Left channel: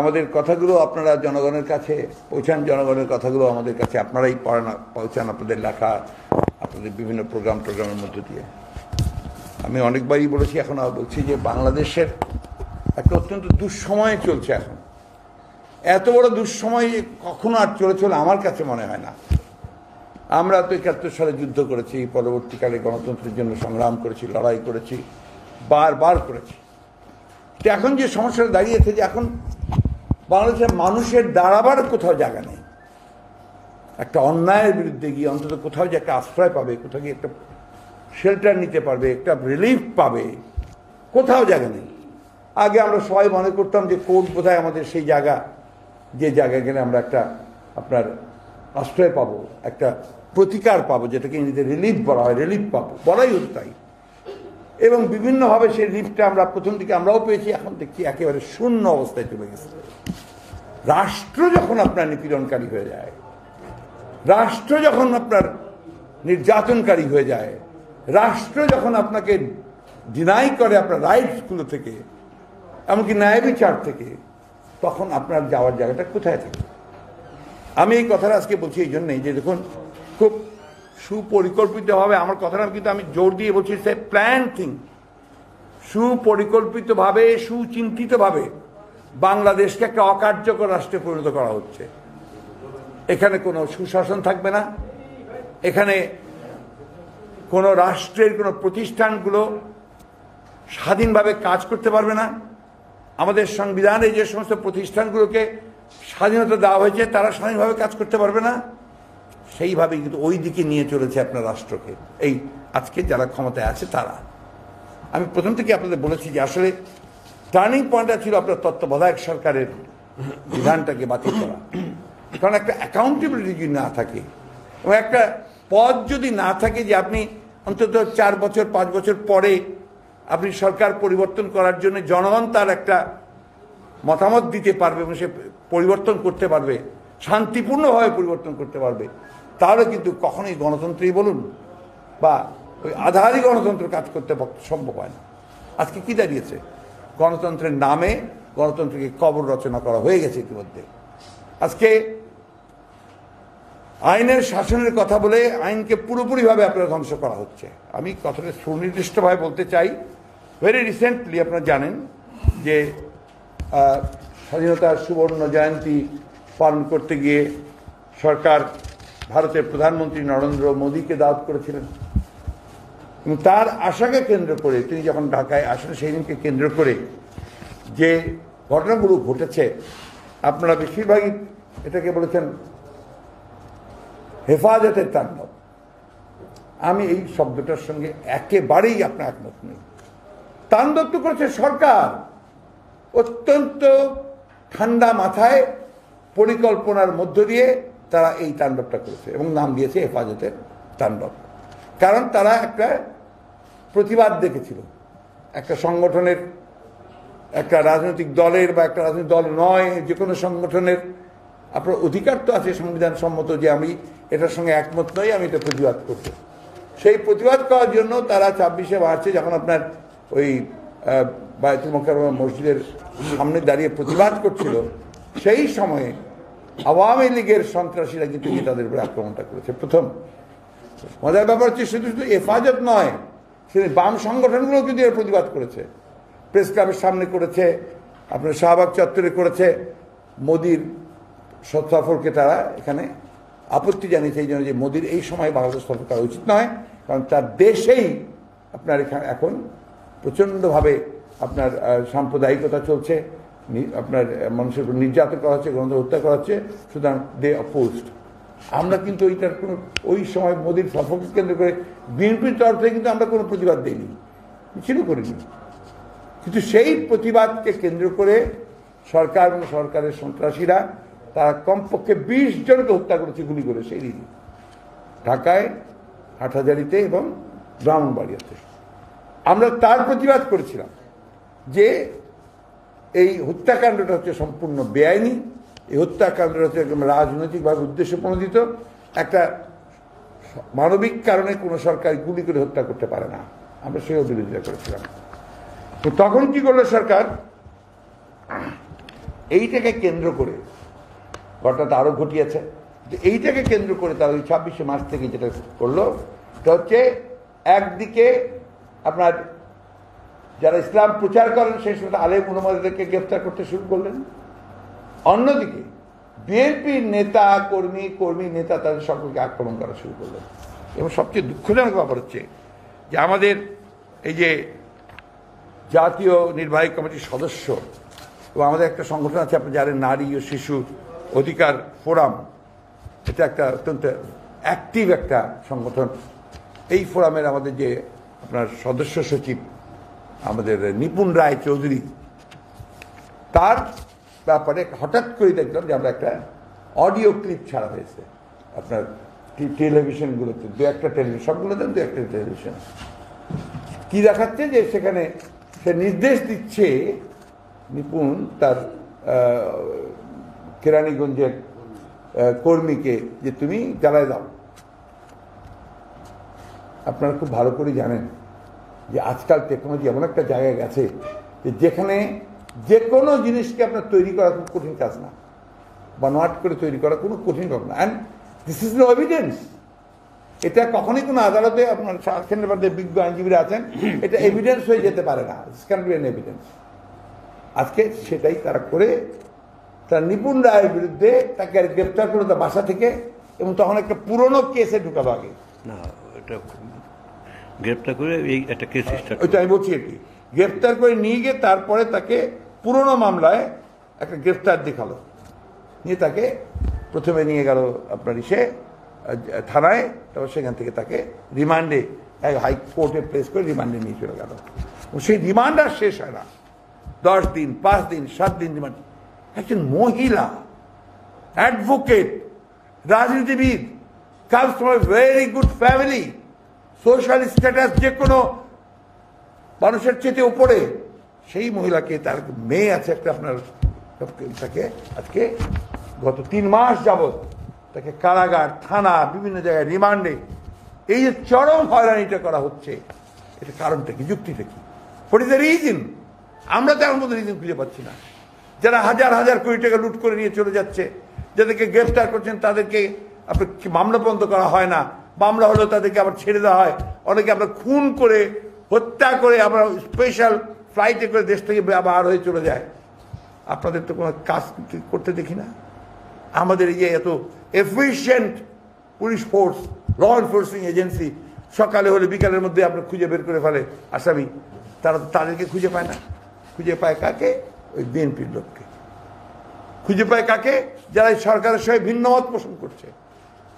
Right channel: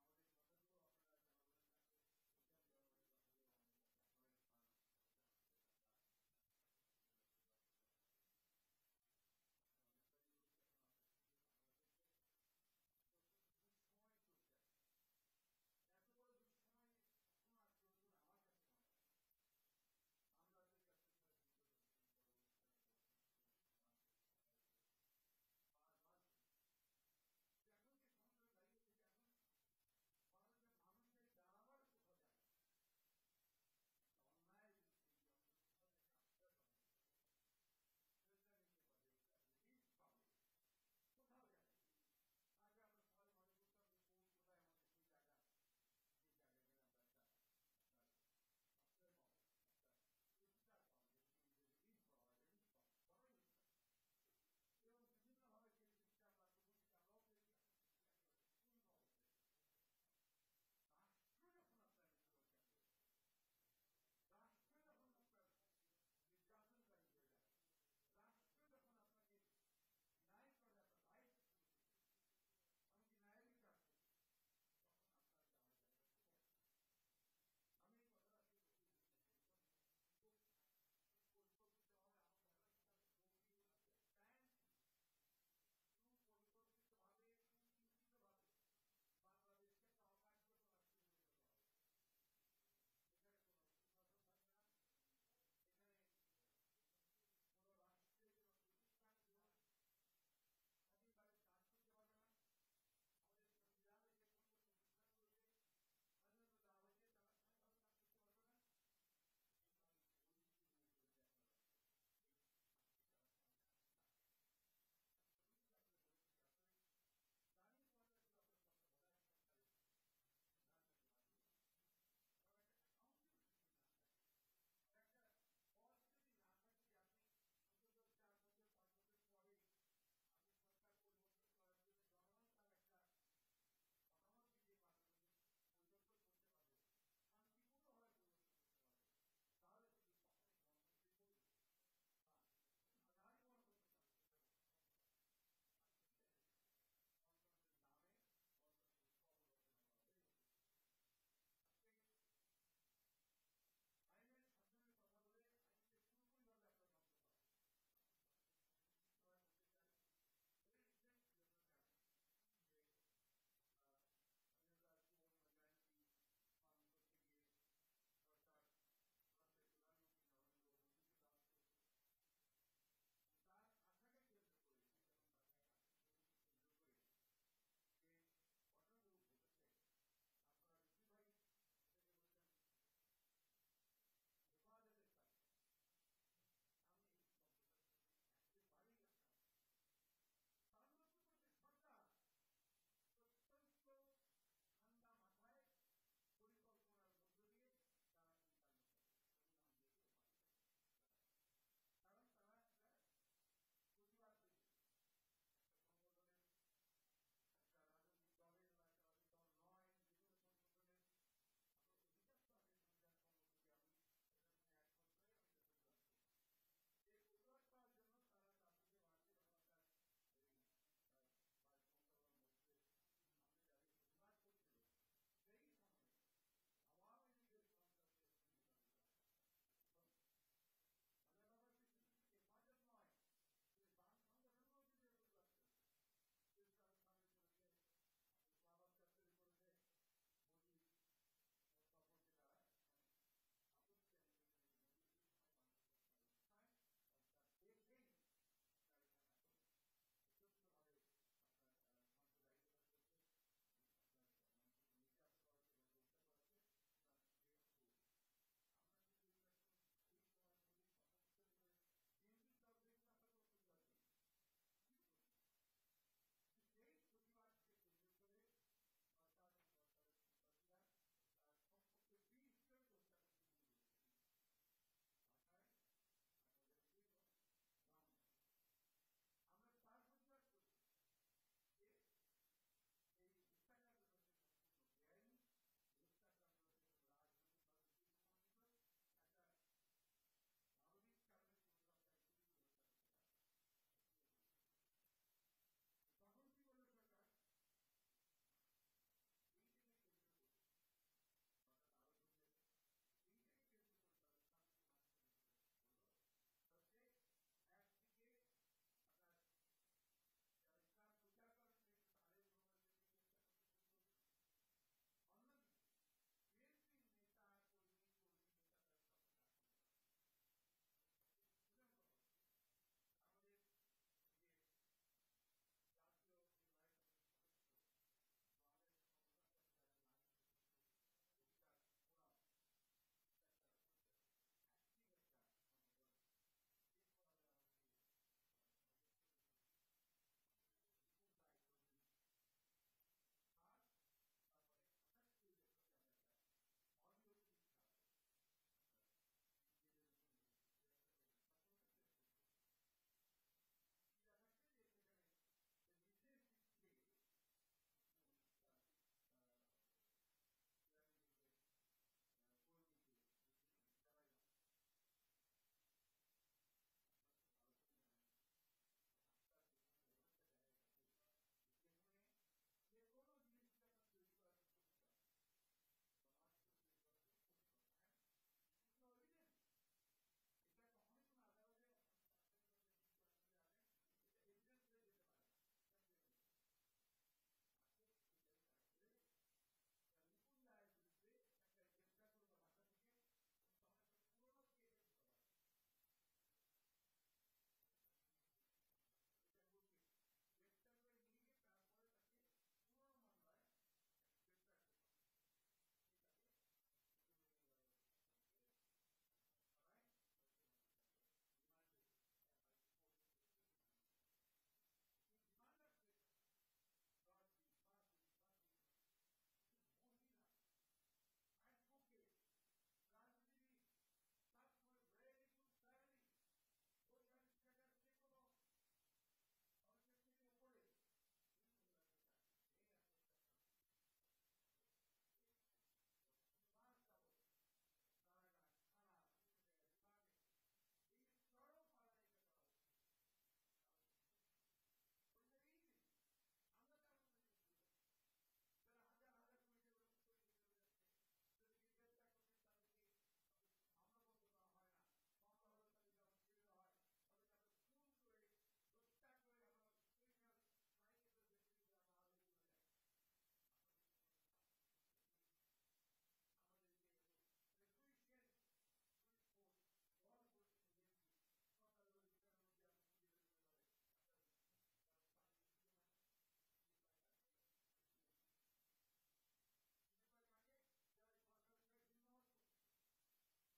আমাদের কথাগুলো আপনারা জনগণের কাছে পৌঁছান, জনগণের কথাগুলো আমাদের কাছে আপনারাই পৌঁছান, আপনাদের লেখা, আপনাদের বিভিন্ন টোগ্রামের মধ্য দিয়ে। আমি অনেকবারই বলেছি, এখন বলছি যে বাংলাদেশের একটা অত্যন্ত দুঃসময় চলছে এখন। এত বড় দুঃসময় কখনো আর চলে আমার কাছে মনে হয় না। আমরা তো ৭১ সালে যুদ্ধ করেছি, পরবর্তীকালে গণতন্ত্রের জন্য সংগ্রাম করেছি, লড়াই করেছি, বারবার করেছি। তো এখন যে সমস্যাটা দাঁড়িয়েছে যে এখন বাংলাদেশের মানুষের দাঁড়াবার কোথাও জায়গা নেই। একটা অন্যায়ের বিরুদ্ধে গিয়ে অন্তত কোথাও যে একটা আশ্রয় পাবে, কোথাও গিয়ে একটা শেল্টার নিতে পারবে, একটা রিলিফ পাবে, কোথাও জায়গা নেই। আগে আমরা সবাই মনে করতাম যে কোর্ট বোধহয় আমাদের সেই জায়গা, যে জায়গায় গেলে আমরা একটা আপনার আশ্রয় পাবো, একটা প্রতিকার পাবো, যেটাকে ইংরেজিতে রিলিফ বলা হয়, রিলিফ পাবো, বলাই হতো তাই। এবং বিভিন্নভাবে সেই রিলিফটা আমরা প্রথম দিকে আমরাও পেয়েছি, এখন দেখছি একেবারে শূন্য অবস্থায় চলে গেছে। রাষ্ট্র যখন আপনার নিপীড়নকারী হয়ে যায়, রাষ্ট্র যখন আপনার নির্যাতনকারী হয়ে যায়, রাষ্ট্র যখন আপনাকে ডিনাই করে আপনার রাইটসগুলো থেকে, এমনকি ন্যায় বিচার থেকে, তখন আপনার যাওয়ার জায়গাটা কোথায় থাকে? আমি এই কথাটা আজকে বলছি এই জন্যই যে দেখুন, খুব সুপরিকল্পিতভাবে আমার কথাটা কিন্তু আমি জোর দিয়ে বলছি, সে প্ল্যান থিং, সুপরিকল্পিতভাবে সুচিন্তিতভাবে বাংলাদেশকে একটা অকার্যকর রাষ্ট্রে পরিণত করা হচ্ছে। এখানে কোনো সুশাসন থাকবে না, এখানে কোনো রাষ্ট্রের কোনো প্রতিষ্ঠানগুলো স্বাধীনভাবে কাজ করতে পারবে না। আমাদের সংবিধানে যে সমস্ত প্রতিষ্ঠানগুলোকে স্বাধীনতা দেওয়া হয়েছে তারা স্বাধীনভাবে কাজ করতে পারবে না। সেইভাবেই কিন্তু ওই দিকে নিয়ে চলেছে আপনার রাষ্ট্রকে এই আজকে যারা ক্ষমতায় আছে তারা। আমি প্রথম থেকে আপনাদের বলেছি যে আসলে টার্নিং পয়েন্টটা ছিল আপনার তত্ত্বাবধায়ক সরকারের বিধানটাকে বাতিল করা। কারণ একটা অ্যাকাউন্টেবিলিটি যদি না থাকে এবং একটা পদ যদি না থাকে যে আপনি অন্তত 4 বছর 5 বছর পরে আপনি সরকার পরিবর্তন করার জন্য জনগণ তার একটা মতামত দিতে পারবে এবং সে পরিবর্তন করতে পারবে, শান্তিপূর্ণভাবে পরিবর্তন করতে পারবে, তাহলে কিন্তু কখনোই গণতন্ত্রই বলুন বা ওই আধারই গণতন্ত্র কাজ করতে সম্ভব হয় না। আজকে কি দাঁড়িয়েছে? গণতন্ত্রের নামে গণতন্ত্রকে কবর রচনা করা হয়ে গেছে ইতিমধ্যে। আজকে আইনের শাসনের কথা বলে আইনকে পুরোপুরিভাবে আপনারা ধ্বংস করা হচ্ছে। আমি কথাটা সুনির্দিষ্টভাবে বলতে চাই, ভেরি রিসেন্টলি আপনারা জানেন যে স্বাধীনতার সুবর্ণ জয়ন্তী পালন করতে গিয়ে সরকার ভারতের প্রধানমন্ত্রী নরেন্দ্র মোদীকে দাওয়াত করেছিলেন এবং তার আশাকে কেন্দ্র করে তিনি যখন ঢাকায় আসেন সেই দিনকে কেন্দ্র করে যে ঘটনাগুলো ঘটেছে আপনারা বেশিরভাগই এটাকে বলেছেন হেফাজতের তাণ্ডব। আমি এই শব্দটার সঙ্গে একেবারেই আপনার একমত নই। তাণ্ডব তো করেছে সরকার, অত্যন্ত ঠান্ডা মাথায় পরিকল্পনার মধ্য দিয়ে তারা এই তাণ্ডবটা করেছে এবং নাম দিয়েছে হেফাজতের তাণ্ডব। কারণ তারা একটা প্রতিবাদ দেখেছিল, একটা সংগঠনের, একটা রাজনৈতিক দলের বা একটা রাজনৈতিক দল নয়, যে কোনো সংগঠনের আপনার অধিকার তো আছে সংবিধান সম্মত যে আমি এটার সঙ্গে একমত নই, আমি এটা প্রতিবাদ করব। সেই প্রতিবাদ করার জন্য তারা 26শে মার্চে যখন আপনার ওই বায়তুল মোকাররম মসজিদের সামনে দাঁড়িয়ে প্রতিবাদ করছিল, সেই সময়ে আওয়ামী লীগের সন্ত্রাসীরা কিন্তু তাদের উপরে আক্রমণটা করেছে। প্রথম মজার ব্যাপার হচ্ছে শুধু শুধু হেফাজত নয়, সেদিন বাম সংগঠনগুলোও কিন্তু এর প্রতিবাদ করেছে। প্রেস ক্লাবের সামনে করেছে, আপনার শাহবাগ চত্বরে করেছে। মোদির সফরকে তারা এখানে আপত্তি জানিয়েছে এই জন্য যে মোদির এই সময় বাংলাদেশ সফর করা উচিত নয়, কারণ তার দেশেই আপনার এখানে এখন প্রচণ্ডভাবে আপনার সাম্প্রদায়িকতা চলছে, আপনার মানুষের উপর নির্যাতন করা হচ্ছে, গণতন্ত্র হত্যা করা হচ্ছে, সুতরাং দে অপোজড। আমরা কিন্তু ওইটার কোনো ওই সময় মোদির সফরকে কেন্দ্র করে বিএনপির তরফ থেকে কিন্তু আমরা কোনো প্রতিবাদ দিইনি, মিছিল করিনি। কিন্তু সেই প্রতিবাদকে কেন্দ্র করে সরকার এবং সরকারের সন্ত্রাসীরা তারা কমপক্ষে 20 জনকে হত্যা করেছে গুলি করে সেই দিন ঢাকায়, হাটহাজারীতে এবং ব্রাহ্মণবাড়িয়াতে। আমরা তার প্রতিবাদ করেছিলাম যে এই হত্যাকাণ্ডটা হচ্ছে সম্পূর্ণ বেআইনি, এই হত্যাকাণ্ডটা হচ্ছে একদম রাজনৈতিকভাবে উদ্দেশ্য প্রণোদিত। একটা মানবিক কারণে কোনো সরকার গুলি করে হত্যা করতে পারে না, আমরা সেও বিরোধিতা করেছিলাম। তো তখন কি করলো সরকার, এইটাকে কেন্দ্র করে ঘটনাটা আরও ঘটিয়েছে। এইটাকে কেন্দ্র করে তারা ওই 26শে মার্চ থেকে যেটা করলো সেটা হচ্ছে একদিকে আপনার যারা ইসলাম প্রচার করেন সেই সময় আলেম উলামাদেরকে গ্রেফতার করতে শুরু করলেন, অন্যদিকে বিএনপির নেতা কর্মী নেতা তাদের সকলকে আক্রমণ করা শুরু করলেন। এবং সবচেয়ে দুঃখজনক ব্যাপার হচ্ছে যে আমাদের এই যে জাতীয় নির্বাহী কমিটির সদস্য এবং আমাদের একটা সংগঠন আছে, আপনি জানেন, নারী ও শিশু অধিকার ফোরাম, এটা একটা অত্যন্ত অ্যাক্টিভ একটা সংগঠন। এই ফোরামের আমাদের যে আপনার সদস্য সচিব আমাদের নিপুণ রায় চৌধুরী, তার ব্যাপারে হঠাৎ করে দেখলাম যে আমরা একটা অডিও ক্লিপ ছাড়া হয়েছে আপনার টেলিভিশনগুলোতে, দু একটা টেলিভিশন, সবগুলোতে দু একটা টেলিভিশন। কি দেখাচ্ছে যে সেখানে সে নির্দেশ দিচ্ছে নিপুণ তার কেরানীগঞ্জের কর্মীকে যে তুমি জ্বালায় দাও। আপনারা খুব ভালো করে জানেন যে আজকাল টেকনোলজি এমন একটা জায়গায় গেছে যে যেখানে যে কোনো জিনিসকে আপনার তৈরি করা খুব কঠিন কাজ না, বা নট করে তৈরি করা কোনো কঠিন কাজ না। And this is no evidence. এটা কখনই কোনো আদালতে আপনার সেখানের মধ্যে বিজ্ঞ আইনজীবীরা আছেন, এটা এভিডেন্স হয়ে যেতে পারে না, it's can be an evidence. আজকে সেটাই তারা করে তার নিপুণ রায়ের বিরুদ্ধে তাকে গ্রেপ্তার করে তার বাসা থেকে, এবং তখন একটা পুরনো কেসে ঢুকালো আগে না, এটা গ্রেপ্তার করে এই একটা কেস স্টার্ট, ওইটা আমি বলছি। এটি গ্রেপ্তার করে নিয়ে গিয়ে তারপরে তাকে পুরনো মামলায় একটা গ্রেপ্তার দেখালো, নিয়ে তাকে প্রথমে নিয়ে গেল আপনার থানায়, তারপর সেখান থেকে তাকে রিমান্ডে হাইকোর্টে প্লেস করে রিমান্ডে নিয়ে চলে গেল। সেই রিমান্ড আর শেষ হয় না, 10 দিন, 5 দিন, 7 দিন রিমান্ড। একজন মহিলা অ্যাডভোকেট, রাজনীতিবিদ, comes from a very good family, social status যে কোনো মানুষের চেয়ে উপরে, সেই মহিলাকে, তার মেয়ে আছে একটা আপনার, তাকে আজকে গত 3 মাস যাবৎ তাকে কারাগার, থানা, বিভিন্ন জায়গায় রিমান্ডে, এই যে চরম হয়রানিটা করা হচ্ছে, এটা কারণটা কি, যুক্তিটা কি, হোয়াট ইজ দ্য রিজন? আমরা তার মধ্যে রিজন খুঁজে পাচ্ছি না। যারা হাজার হাজার কোটি টাকা লুট করে নিয়ে চলে যাচ্ছে, যাদেরকে গ্রেফতার করছেন তাদেরকে আপনার মামলা বন্ধ করা হয় না, মামলা হলেও তাদেরকে আবার ছেড়ে দেওয়া হয়, অনেকে আমরা খুন করে, হত্যা করে, আমরা স্পেশাল ফ্লাইটে করে দেশ থেকে বার হয়ে চলে যায়। আপনাদের তো কোনো কাজ করতে দেখি না। আমাদের এই যে এত efficient police force, law enforcing agency, সকালে হলে বিকালের মধ্যে আপনার খুঁজে বের করে ফেলে আসামি, তারা তাদেরকে খুঁজে পায় না। খুঁজে পায় কাকে? ওই বিএনপির লোককে। খুঁজে পায় কাকে? যারা সরকারের সঙ্গে ভিন্ন মত পোষণ করছে।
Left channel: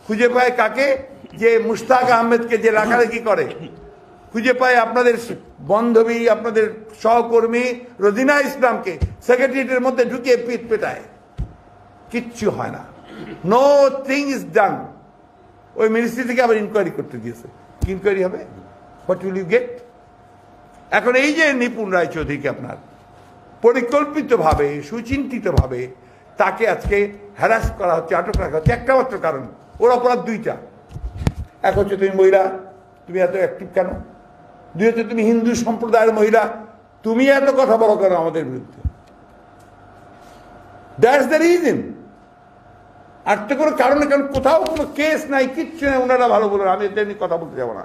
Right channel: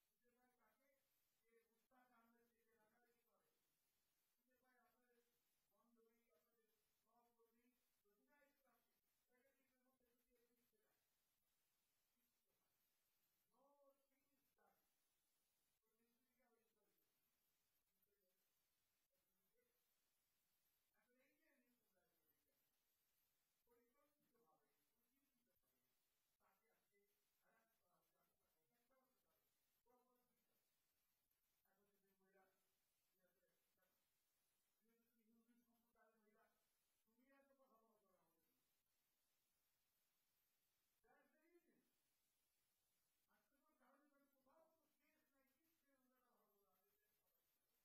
খুঁজে পায় কাকে? যে মুশতাক আহমেদকে যে রাখারাখি করে। খুঁজে পায় আপনাদের বান্ধবী, আপনাদের সহকর্মী রোজিনা ইসলামকে সেক্রেটারিয়েটের মধ্যে ঢুকিয়ে পিঠ পেটায়। কিচ্ছু হয় না, নো থিং ইজ ডান। ওই মিনিস্ট্রি থেকে আবার ইনকোয়ারি করতে দিয়েছে। কি ইনকোয়ারি হবে? What will you get? এখন এই যে নিপুণ রায় চৌধুরীকে আপনার পরিকল্পিতভাবে, সুচিন্তিতভাবে তাকে আজকে হ্যারাস করা হচ্ছে, আটক রাখা হচ্ছে, একটা মাত্র কারণ, ওর অপরাধ 2টা। এক হচ্ছে তুমি মহিলা, তুমি এত অ্যাক্টিভ কেন? 2 হচ্ছে তুমি হিন্দু সম্প্রদায়ের মহিলা, তুমি এত কথা বলো কেন আমাদের বিরুদ্ধে? That's the reason. আর তো কোনো কারণে, কারণ কোথাও কোনো কেস নাই, কিচ্ছু নেই। ওনারা ভালো বলেন, আমি এটা নিয়ে কথা বলতে যাবো না।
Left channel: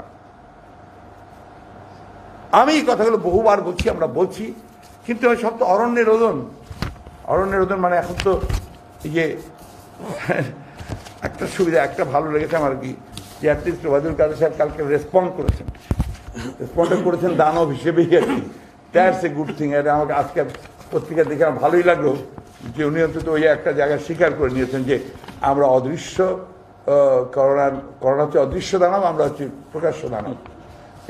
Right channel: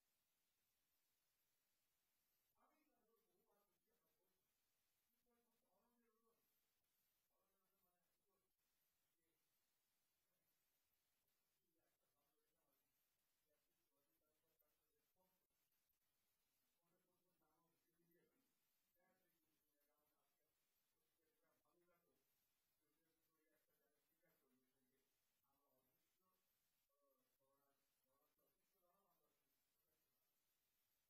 আমি এই কথাগুলো বহুবার বলছি, আমরা বলছি, কিন্তু সব তো অরণ্যের রোদন। অরণ্যের রোদন মানে এখন তো এই যে একটা সুবিধা, একটা ভালো লেগেছে আমার কি, যে অ্যাটলিস্ট ওয়াদুল কাদের সাহেব কালকে রেসপন্ড করেছেন, দানব হিসেবেই আর কি। That's a good thing. এটা আমাকে আজকে পত্রিকা দেখে আমার ভালোই লাগলো যে উনি অন্তত ওই একটা জায়গায় স্বীকার করে নিয়েছেন যে আমরা অদৃশ্য, করোনা হচ্ছে অদৃশ্য দানব, আমরা হচ্ছে প্রকাশ্য দানব।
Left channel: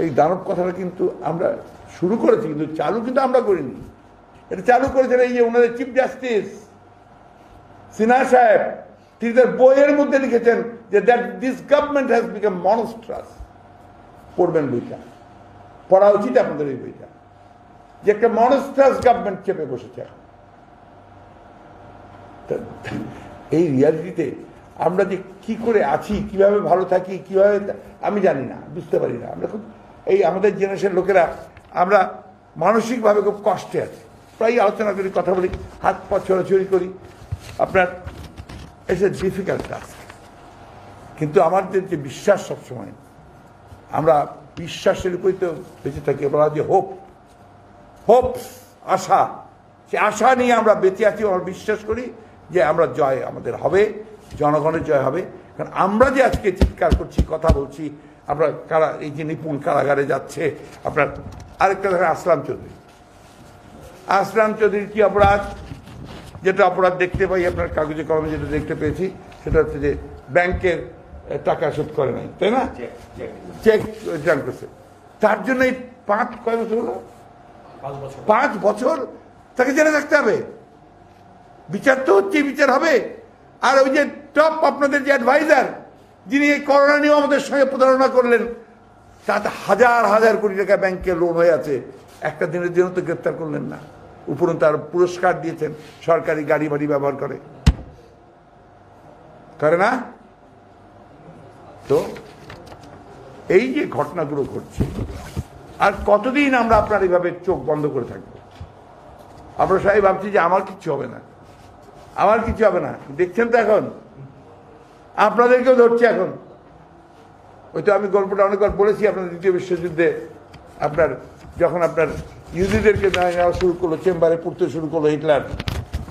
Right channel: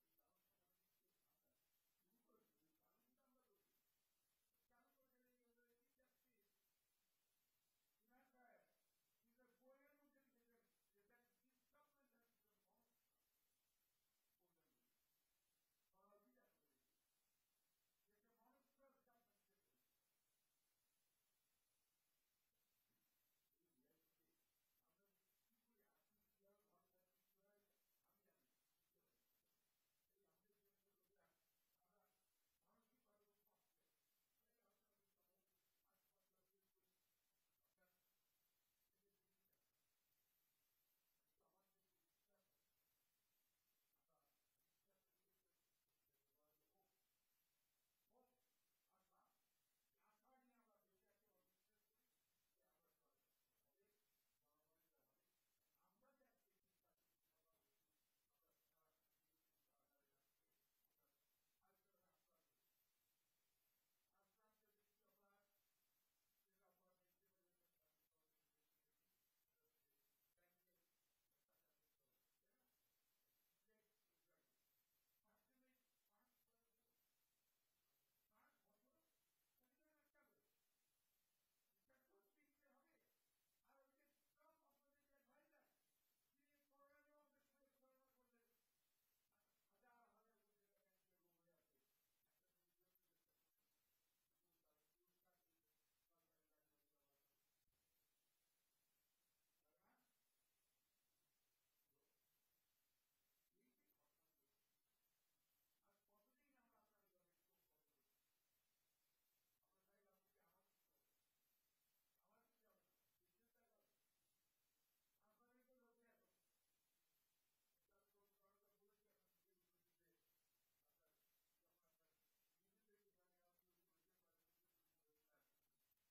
এই দানব কথাটা কিন্তু আমরা শুরু করেছি, কিন্তু চালু কিন্তু আমরা করিনি। এটা চালু করেছেন এই যে ওনাদের চিফ জাস্টিস সিনহা সাহেব। তিনি তার বইয়ের মধ্যে লিখেছেন যে that this government has become monstrous. পড়বেন বইটা, পড়া উচিত আপনাদের এই বইটা, যে একটা মনস্ট্রাস গভর্নমেন্ট চেপে বসেছে। এই রিয়ালিটিতে আমরা যে কি করে আছি, কিভাবে ভালো থাকি, কিভাবে আমি জানি না, বুঝতে পারি না। আমরা খুব, এই আমাদের জেনারেশন লোকেরা আমরা মানসিকভাবে খুব কষ্টে আছি। প্রায় আলোচনা করি, কথা বলি, হাত পা ছড়াছড়ি করি। আপনার ইটস এ ডিফিকাল্ট টাস্ক, কিন্তু আমাদের যে বিশ্বাস সবসময়, আমরা বিশ্বাসের উপরই তো বেঁচে থাকি। বলা যে হোপ, আশা, সে আশা নিয়ে আমরা বেঁচে আছি। আমরা বিশ্বাস করি যে আমরা জয় আমাদের হবে, জনগণের জয় হবে। কারণ আমরা যে আজকে চিৎকার করছি, কথা বলছি, আমরা এই যে নিপুণ কারাগারে যাচ্ছে। আপনার আরেকটা দেখেন আসলাম চৌধুরীর কি অপরাধ? যেটা অপরাধ দেখতে পাই আপনার কাগজে কলমে, যেটা দেখতে পেয়েছি সেটা হচ্ছে যে ব্যাংকের টাকা শোধ করে নাই, তাই না? চেক রিটার্ন করছে, তার জন্য এই 5 বছর তাকে জেলে থাকতে হবে। বিচার তো হচ্ছে, বিচার হবে। আর ওই যে টপ আপনাদের যে অ্যাডভাইজার, যিনি এই করোনা নিয়েও আমাদের সঙ্গে প্রতারণা করলেন, তাতে হাজার কোটি টাকা ব্যাংকে লোন হয়ে আছে, একটা দিনের জন্য তো গ্রেপ্তার করলেন না। উপরন্তু তার পুরস্কার দিয়েছেন, সরকারি গাড়ি বাড়ি ব্যবহার করে না? তো এই যে ঘটনাগুলো ঘটছে, আর কতদিন আমরা আপনার এইভাবে চোখ বন্ধ করে থাকবো? আমরা সবাই ভাবছি যে আমার কিচ্ছু হবে না। দেখছেন তো এখন আপনাদেরকেও ধরছে। এখন ওই তো আমি গল্পটা অনেকবার বলেছি আপনার, দ্বিতীয় বিশ্বযুদ্ধে আপনার যখন আপনার ইহুদিদেরকে নেওয়া শুরু করলো, চেম্বারে পুড়তে শুরু করলো হিটলার,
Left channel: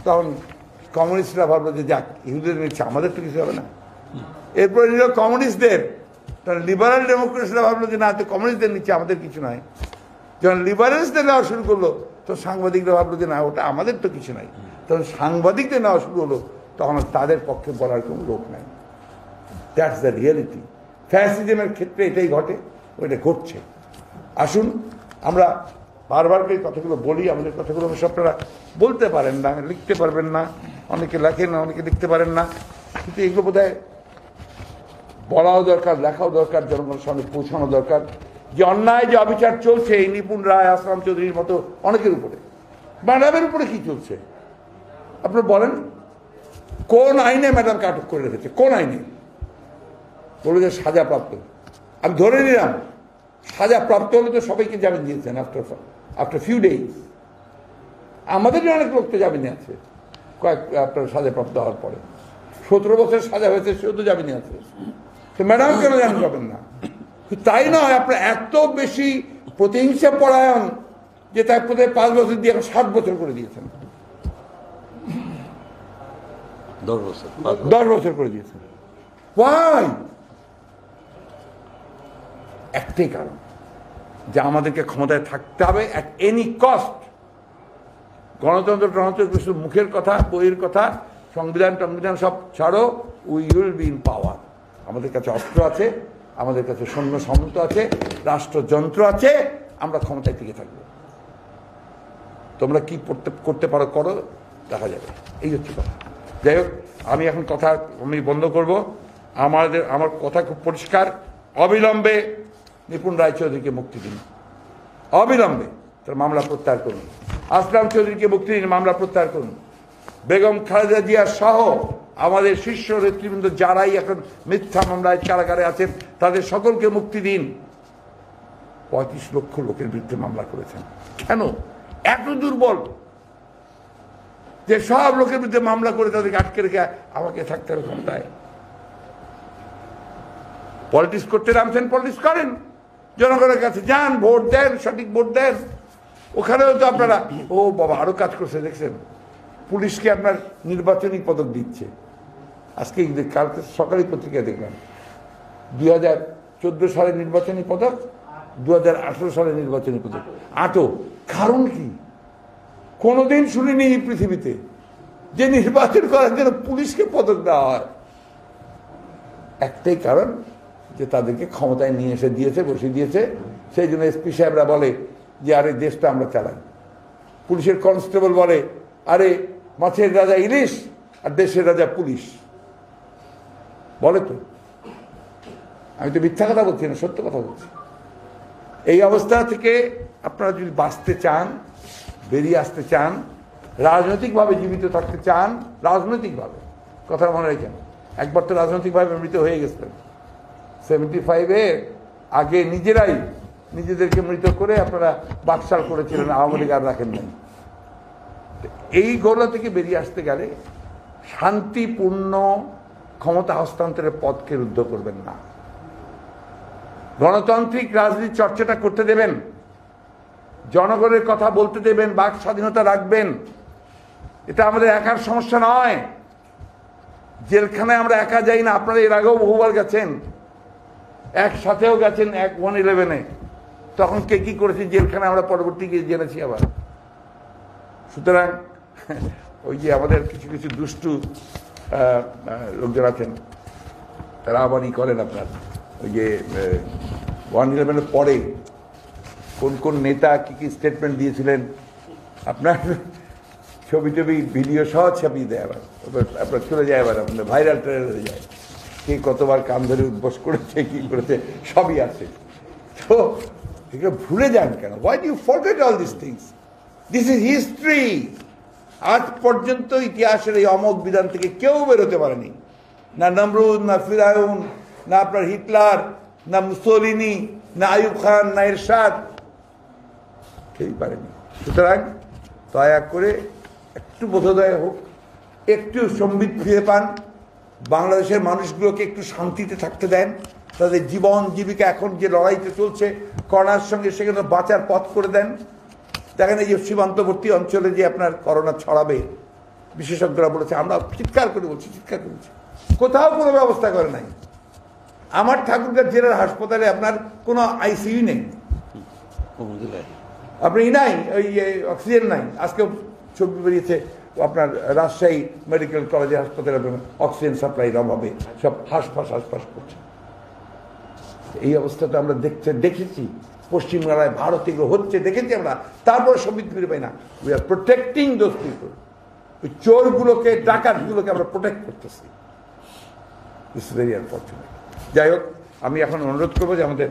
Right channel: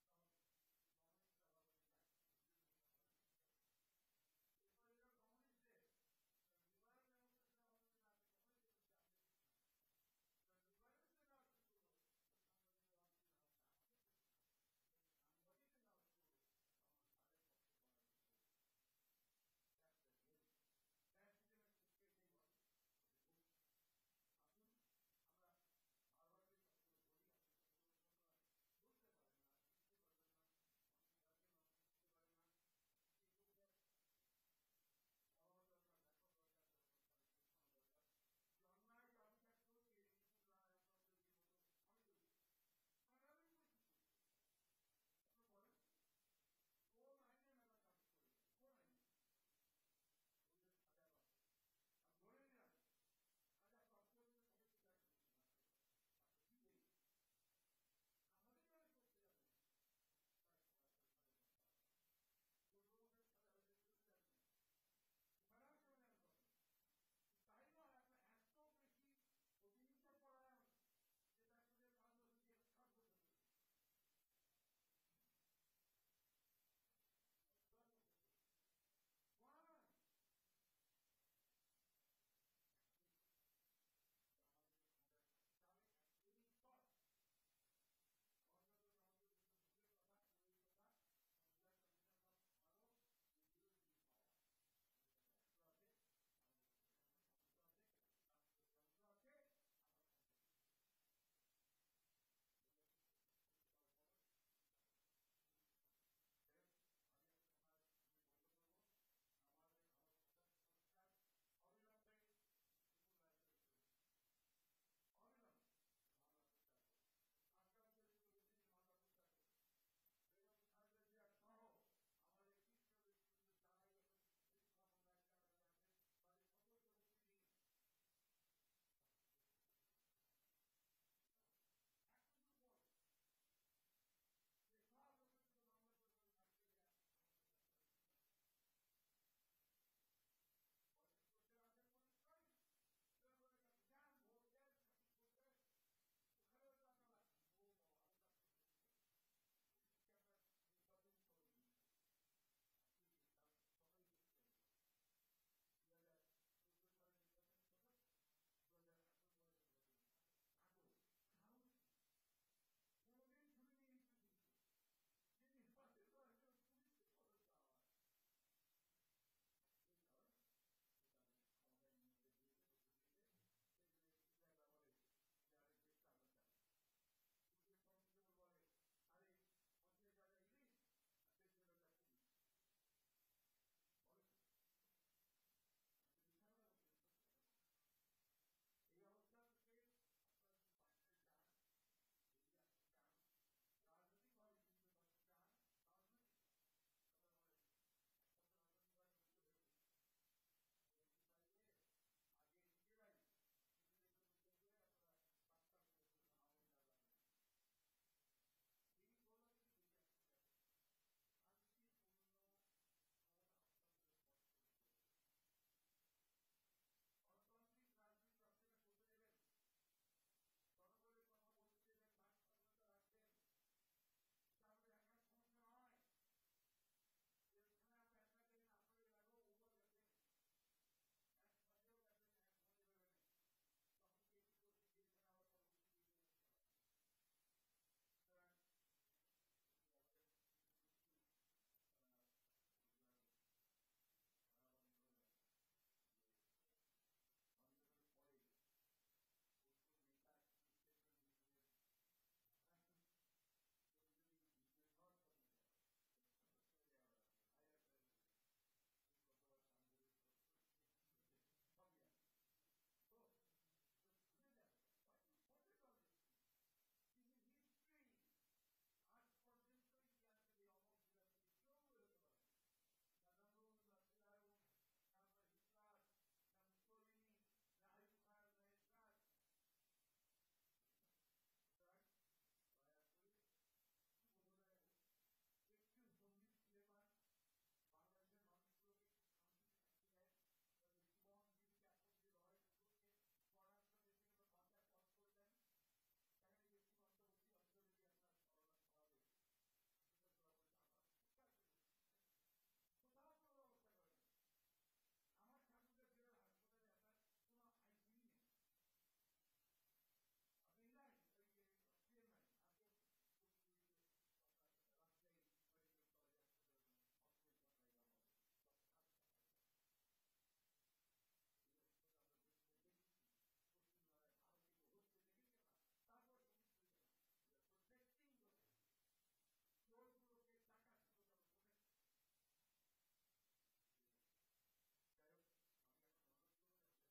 তখন কমিউনিস্টরা ভাবলো যে যাক, ইহুদিদের নিচ্ছে, আমাদের তো কিছু হবে না। এরপরে নিল কমিউনিস্টদের, তখন লিবারাল ডেমোক্রেটসরা ভাবলো যে না, তো কমিউনিস্টদের নিচ্ছে, আমাদের কিছু নয়। যখন লিবারেলসদের নেওয়া শুরু করলো, তো সাংবাদিকরা ভাবলো যে না, ওটা আমাদের তো কিছু নাই। তখন সাংবাদিকদের নেওয়া শুরু হলো, তখন তাদের পক্ষে বলার কোনো লোক নাই। That's the reality. ফ্যাসিজমের ক্ষেত্রে এটাই ঘটে, ওইটা ঘটছে। আসুন, আমরা বারবার এই কথাগুলো বলি, আমাদের কথাগুলো অবশ্য আপনারা বলতে পারেন না, লিখতে পারবেন না, অনেকে লেখেন না, অনেকে লিখতে পারেন না, কিন্তু এগুলো বোধহয় বলাও দরকার, লেখাও দরকার, জনগণের সামনে পৌঁছানো দরকার। যে অন্যায়, যে অবিচার চলছে এই নিপুণ রায়, আসলাম চৌধুরীর মতো অনেকের উপরে, ম্যাডামের উপরে কি চলছে আপনার বলেন? কোন আইনে ম্যাডামকে আটক করে রেখেছে? কোন আইনে? বলে যে সাজাপ্রাপ্ত। আমি ধরে নিলাম সাজাপ্রাপ্ত হলে তো সবাইকে জামিন দিয়েছেন আফটার ফিউ ডেজ। আমাদের অনেক লোক তো জামিনে আছে আপনার সাজাপ্রাপ্ত হওয়ার পরে। 17 বছর সাজা হয়েছে, সেও তো জামিনে আছে। তো ম্যাডাম কেন জামিন পাবেন না? তাই নয়, আপনার এত বেশি প্রতিহিংসা পরায়ণ যে তার প্রতি 5 বছর দিয়ে এখন 7 বছর করে দিয়েছেন, 10 বছর করে দিয়েছেন। ওয়াই? একটাই কারণ, যে আমাদেরকে ক্ষমতায় থাকতে হবে অ্যাট এনি কস্ট। গণতন্ত্র কিছু মুখের কথা, বইয়ের কথা, সংবিধান সব ছাড়ো, উই উইল বি ইন পাওয়ার। আমাদের কাছে অস্ত্র আছে, আমাদের কাছে সৈন্য সামন্ত আছে, রাষ্ট্রযন্ত্র আছে, আমরা ক্ষমতায় টিকে থাকবো। তোমরা কি করতে পারো করো, দেখা যাবে। এই হচ্ছে কথা। যাই হোক, আমি এখন কথা বন্ধ করব। আমার কথা খুব পরিষ্কার, অবিলম্বে নিপুণ রায়চৌধুরীকে মুক্তি দিন, অবিলম্বে তার মামলা প্রত্যাহার করুন। আসলাম চৌধুরীকে মুক্তি দিন, মামলা প্রত্যাহার করুন। বেগম খালেদা জিয়া সহ আমাদের শীর্ষ নেতৃবৃন্দ যারাই এখন মিথ্যা মামলায় কারাগারে আছেন, তাদের সকলকে মুক্তি দিন। 35 লক্ষ লোকের বিরুদ্ধে মামলা করেছেন, কেন এত দুর্বল যে সব লোকের বিরুদ্ধে মামলা করে তাদেরকে আটকে রেখে আমাকে থাকতে হবে ক্ষমতায়? পলিটিক্স করতে নামছেন, পলিটিক্স করেন, জনগণের কাছে যান, ভোট দেন, সঠিক ভোট দেন। ওখানেও তো আপনারা ও বাবা আরো কাজ করছে, দেখছেন পুলিশকে আপনার নির্বাচনী পদক দিচ্ছে। আজকে কালকে সকালে পত্রিকায় দেখলাম 2014 সালের নির্বাচনী পদক, 2018 সালের নির্বাচনী পদক আটক। কারণ কি? কোনোদিন শুনিনি এই পৃথিবীতে যে নির্বাচন করার জন্য পুলিশকে পদক দেওয়া হয়। একটাই কারণ, যে তাদেরকে ক্ষমতায় নিয়ে এসে দিয়েছে, বসিয়ে দিয়েছে। সেই জন্য এসপি সাহেবরা বলে যে আরে দেশটা আমরা চালাই। পুলিশের কনস্টেবল বলে আরে মাছের রাজা ইলিশ আর দেশের রাজা পুলিশ। বলে তো, আমি তো মিথ্যা কথা বলছি না, সত্য কথা বলছি। এই অবস্থা থেকে আপনারা যদি বাঁচতে চান, বেরিয়ে আসতে চান, রাজনৈতিকভাবে জীবিত থাকতে চান, রাজনৈতিকভাবে, কথা মনে রাখেন, একবার তো রাজনৈতিকভাবে মৃত হয়ে গেছিলেন 75-এ। আগে নিজেরাই নিজেদেরকে মৃত করে আপনারা বাকশাল করেছিলেন, আওয়ামী লীগ আর রাখেন নাই। এইগুলো থেকে বেরিয়ে আসতে গেলে শান্তিপূর্ণ ক্ষমতা হস্তান্তরের পথকে রুদ্ধ করবেন না, গণতান্ত্রিক রাজনীতির চর্চাটা করতে দেবেন, জনগণের কথা বলতে দেবেন, বাক স্বাধীনতা রাখবেন। এটা আমাদের একার সমস্যা নয়। জেলখানায় আমরা একা যাই না, আপনারা এর আগেও বহুবার গেছেন, একসাথেও গেছেন 1/11-এ। তখন কে কি করেছে জেলখানায় আমরা পরবর্তী গিয়ে জেনেছি আবার। সুতরাং ওই যে আমাদের কিছু কিছু দুষ্টু লোকজন আছেন, তারা আবারই করেন আপনার ওই যে 1/11-এর পরে কোন কোন নেতা কি কি স্টেটমেন্ট দিয়েছিলেন, আপনার ছবি টবি ভিডিও সহ ছাপিয়ে দেয় আবার, আপনার চলে যায় আবার, আপনার ভাইরাল ট্রাইরাল হয়ে যায়, কে কতবার কান ধরে উদ্বোস করেছে, কি করেছে, সবই আছে। তো এগুলো ভুলে যান কেন? Why do you forget all this things? This is history. আজ পর্যন্ত ইতিহাসের এই অমোঘ বিধান থেকে কেউ বেরোতে পারেনি, না নমরুদ, না ফিরাউন, না আপনার হিটলার, না মুসোলিনি, না আইয়ুব খান, না এরশাদ, কেউই পারেনি। সুতরাং দয়া করে একটু বোধোদয় হোক, একটু সম্বিত ফিরে পান, বাংলাদেশের মানুষগুলোকে একটু শান্তিতে থাকতে দেন, তাদের জীবন জীবিকা এখন যে লড়াইতে চলছে করোনার সঙ্গে, সেখানে বাঁচার পথ করে দেন। দেখেন এই যে সীমান্তবর্তী অঞ্চলে যে আপনার করোনা ছড়াবে, বিশেষজ্ঞরা বলেছে, আমরা চিৎকার করে বলছি, চিৎকার করেছি, কোথাও কোনো ব্যবস্থা করে নাই। আমার ঠাকুরগাঁও জেলার হাসপাতালে আপনার কোনো আইসিইউ নেই, আপনি নাই, ওই অক্সিজেন নাই। আজকে ছবি বেরিয়েছে আপনার রাজশাহী মেডিকেল কলেজের হাসপাতালে অক্সিজেন সাপ্লাইয়ের অভাবে সব হাঁসফাঁস করছে। এই অবস্থাটা আমরা দেখেছি পশ্চিমবাংলায়, ভারতে এগুলো হচ্ছে দেখেছি আমরা, তারপর সম্বিত ফিরে পাই না। We are protecting those people. ওই চোরগুলোকে, ডাকাতগুলোকে আমরা প্রোটেক্ট করতেছি। It's very unfortunate. যাই হোক, আমি এখন অনুরোধ করবো যে আমাদের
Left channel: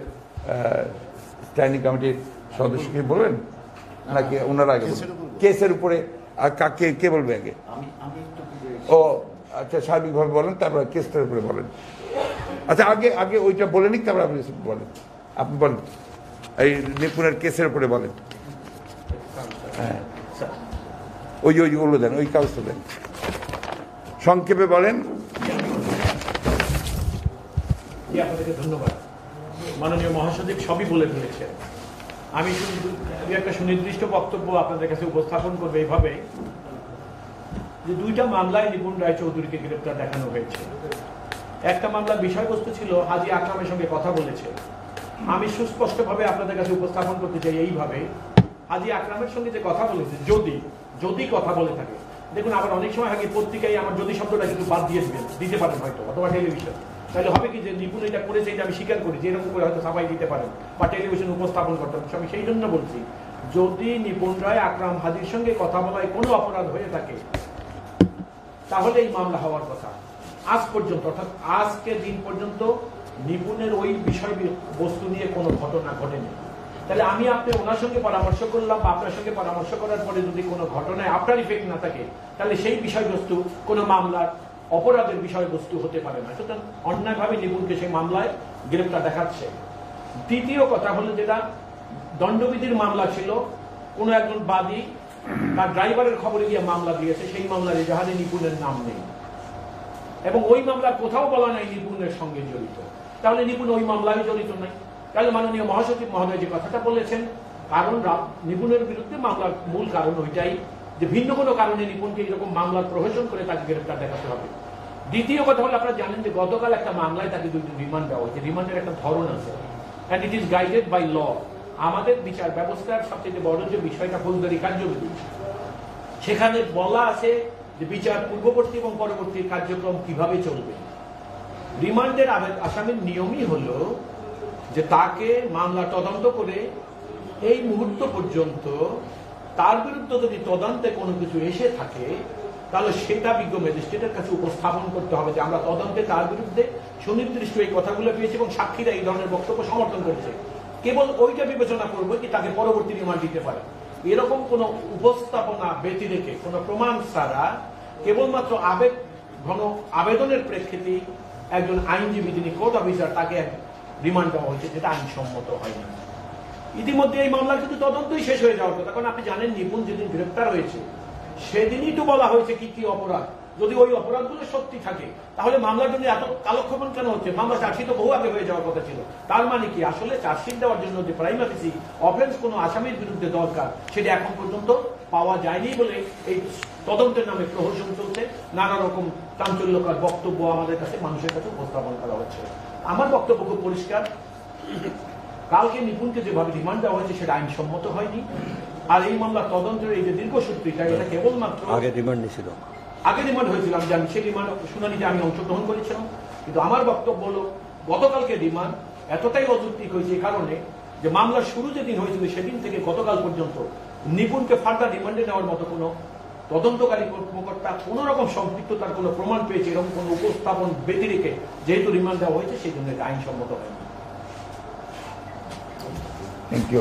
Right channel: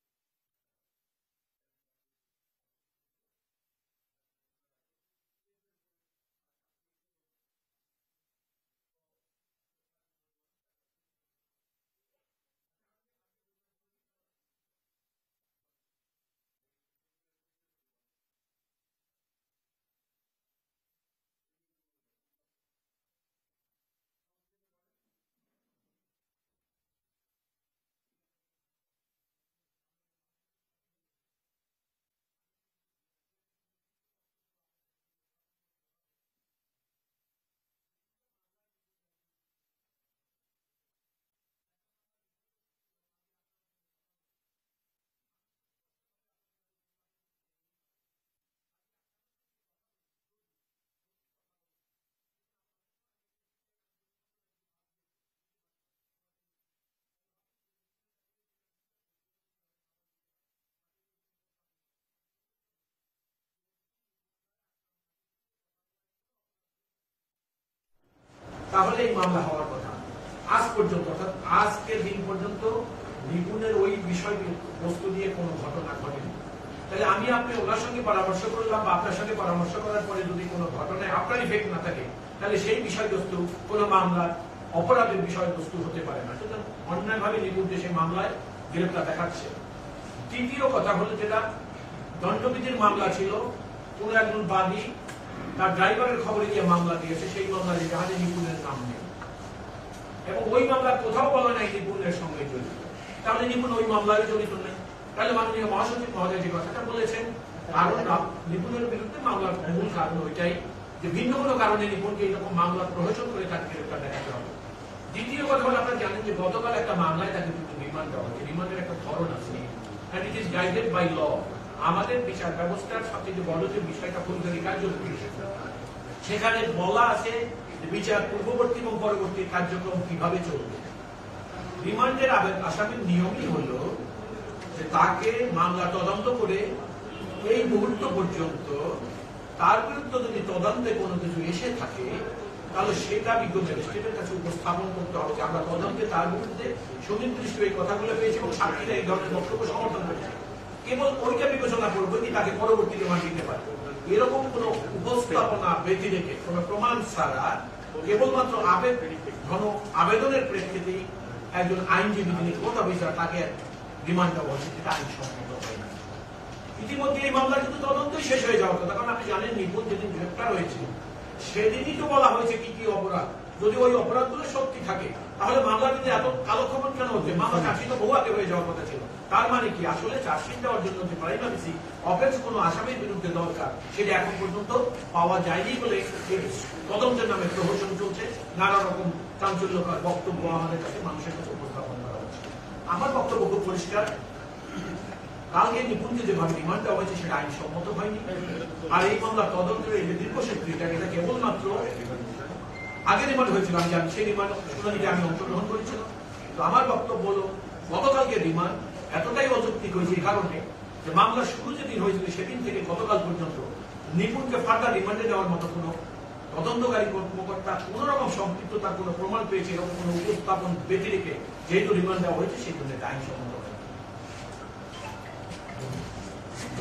স্ট্যান্ডিং কমিটির সদস্যকে বলবেন, নাকি ওনারা আগে কেসের উপরে, আর কাকে কে বলবে আগে? ও আচ্ছা, সার্বিকভাবে বলেন, তারপরে কেসটার উপরে বলেন। আচ্ছা, আগে ওইটা বলে নিক, তারপরে আপনি বলেন। আপনি বলেন, এই নিপুণের কেসের উপরে বলেন। হ্যাঁ, ওইগুলো দেন, ওই কাগজটা দেন, সংক্ষেপে বলেন। আপনাদেরকে ধন্যবাদ। মাননীয় মহাসচিব সবই বলে ফেলেছেন। আমি শুধু একটা সুনির্দিষ্ট বক্তব্য আপনাদের কাছে উপস্থাপন করবো এইভাবে, যে দুইটা মামলায় নিপুণ রায়চৌধুরীকে গ্রেপ্তার দেখানো হয়েছে। একটা মামলার বিষয়বস্তু ছিল হাজী আকরামের সঙ্গে কথা বলেছে। আমি সুস্পষ্টভাবে আপনাদের কাছে উপস্থাপন করতে চাই এইভাবে, হাজী আকরামের সঙ্গে যে কথা বলেছে, যদি কথা বলে থাকে, দেখুন আবার অনেক সময় আগে পত্রিকায় আমার যদি শব্দটা কিন্তু বাদ দিয়ে দিতে পারেন হয়তো, অথবা টেলিভিশন, তাহলে হবে কি যে নিপুণ এটা করেছে, এটা আমি স্বীকার করি যে এরকম করে হয়তো সাফাই দিতে পারেন বা টেলিভিশন উপস্থাপন করতে পারেন। আমি সেই জন্য বলছি, যদি নিপুণ রায় আকরাম হাজীর সঙ্গে কথা বলায় কোনো অপরাধ হয়ে থাকে, তাহলে এই মামলা হওয়ার কথা। আজ পর্যন্ত, অর্থাৎ আজকের দিন পর্যন্ত নিপুণের ওই বিষয় বস্তু নিয়ে কোনো ঘটনা ঘটেনি। তাহলে আমি আপনি ওনার সঙ্গে পরামর্শ করলাম, বা আপনার সঙ্গে পরামর্শ করার পরে যদি কোনো ঘটনায় আপনার ইফেক্ট না থাকে, তাহলে সেই বিষয়বস্তু কোনো মামলার অপরাধের বিষয়বস্তু হতে পারে না। সুতরাং অন্যায়ভাবে নিপুণকে সেই মামলায় গ্রেপ্তার দেখাচ্ছে। দ্বিতীয় কথা হলো, যেটা দণ্ডবিধির মামলা ছিল, কোন একজন বাদী তার ড্রাইভারের খবরে দিয়ে মামলা দিয়েছে, সেই মামলার এজাহারে নিপুণের নাম নেই, এবং ওই মামলা কোথাও বলা নাই নিপুণের সঙ্গে জড়িত। তাহলে নিপুণ ওই মামলায় জড়িত নেই। তাহলে মাননীয় মহাসচিব মহোদয় যে কথাটা বলেছেন, কারণ নিপুণের বিরুদ্ধে মামলার মূল কারণ ওইটাই, যে ভিন্ন কোনো কারণে নিপুণকে এরকম মামলার প্রহসন করে তাকে গ্রেপ্তার দেখাতে হবে। দ্বিতীয় কথা হলো, আপনারা জানেন যে গতকাল একটা মামলায় তাকে দুটি রিমান্ড দেওয়া হয়েছে। রিমান্ডের একটা ধরন আছে, and it is guided by law. আমাদের বিচার ব্যবস্থার সবচেয়ে বড় যে বিষয়টা ফৌজদারি কার্যবিধি, সেখানে বলা আছে যে বিচার পূর্ববর্তী এবং পরবর্তী কার্যক্রম কিভাবে চলবে। রিমান্ডের আসামির নিয়মই হলো যে তাকে মামলা তদন্ত করে এই মুহূর্ত পর্যন্ত তার বিরুদ্ধে যদি তদন্তে কোনো কিছু এসে থাকে, তাহলে সেটা বিজ্ঞ ম্যাজিস্ট্রেটের কাছে উপস্থাপন করতে হবে যে আমরা তদন্তে তার বিরুদ্ধে সুনির্দিষ্ট এই কথাগুলো পেয়েছি এবং সাক্ষীরা এই ধরনের বক্তব্য সমর্থন করছে। কেবল ওইটা বিবেচনা করবো কি তাকে পরবর্তী রিমান্ড দিতে পারে। এরকম কোন উপস্থাপনা ব্যতি রেখে, কোন প্রমাণ ছাড়া কেবলমাত্র আবেদনের প্রেক্ষিতে একজন আইনজীবী, যিনি কোর্ট অফিসার, তাকে রিমান্ড দেওয়া হচ্ছে, যেটা আইনসম্মত হয় না। ইতিমধ্যে এই মামলা কিন্তু তদন্তই শেষ হয়ে যাওয়ার কথা, কারণ আপনি জানেন নিপুণ যেদিন গ্রেপ্তার হয়েছে সেদিনই তো বলা হয়েছে কি কি অপরাধ। যদি ওই অপরাধগুলো সত্যি থাকে তাহলে মামলা যদি এত কালক্ষেপণ কেন হচ্ছে? মামলা চার্জশিট তো বহু আগে হয়ে যাওয়ার কথা ছিল। তার মানে কি আসলে চার্জশিট দেওয়ার জন্য যে প্রাইমারি অফেন্স কোনো আসামির বিরুদ্ধে দরকার সেটা এখন পর্যন্ত পাওয়া যায়নি বলে এই তদন্তের নামে প্রহসন চলছে, নানা রকম চাঞ্চল্যকর বক্তব্য আমাদের কাছে মানুষের কাছে উপস্থাপন করা হচ্ছে। আমার বক্তব্য খুব পরিষ্কার, কালকে নিপুণকে যেভাবে রিমান্ড দেওয়া হয়েছে সেটা আইনসম্মত হয়নি। আর এই মামলার তদন্তের এই যে দীর্ঘসূত্রিতা, এটা কেবলমাত্র আগে রিমান্ড নিয়েছিল, আগে রিমান্ড হয়েছিল, আমি জানি সেই রিমান্ড শুনানিতে আমি অংশগ্রহণ করেছিলাম। কিন্তু আমার বক্তব্য হলো গতকালকে রিমান্ড এতটাই অযৌক্তিক হয়েছে এই কারণে যে মামলার শুরু যেদিন হয়েছিল সেদিন থেকে গতকাল পর্যন্ত নিপুণকে ফার্দার রিমান্ডে নেওয়ার মতো কোনো তদন্তকারী কর্মকর্তা কোন রকম সম্পৃক্ততার কোনো প্রমাণ পেয়েছে এরকম কোনো উপস্থাপন ব্যতি রেখে যেহেতু রিমান্ড দেওয়া হয়েছে সেই জন্য এটা আইনসম্মত হয়নি।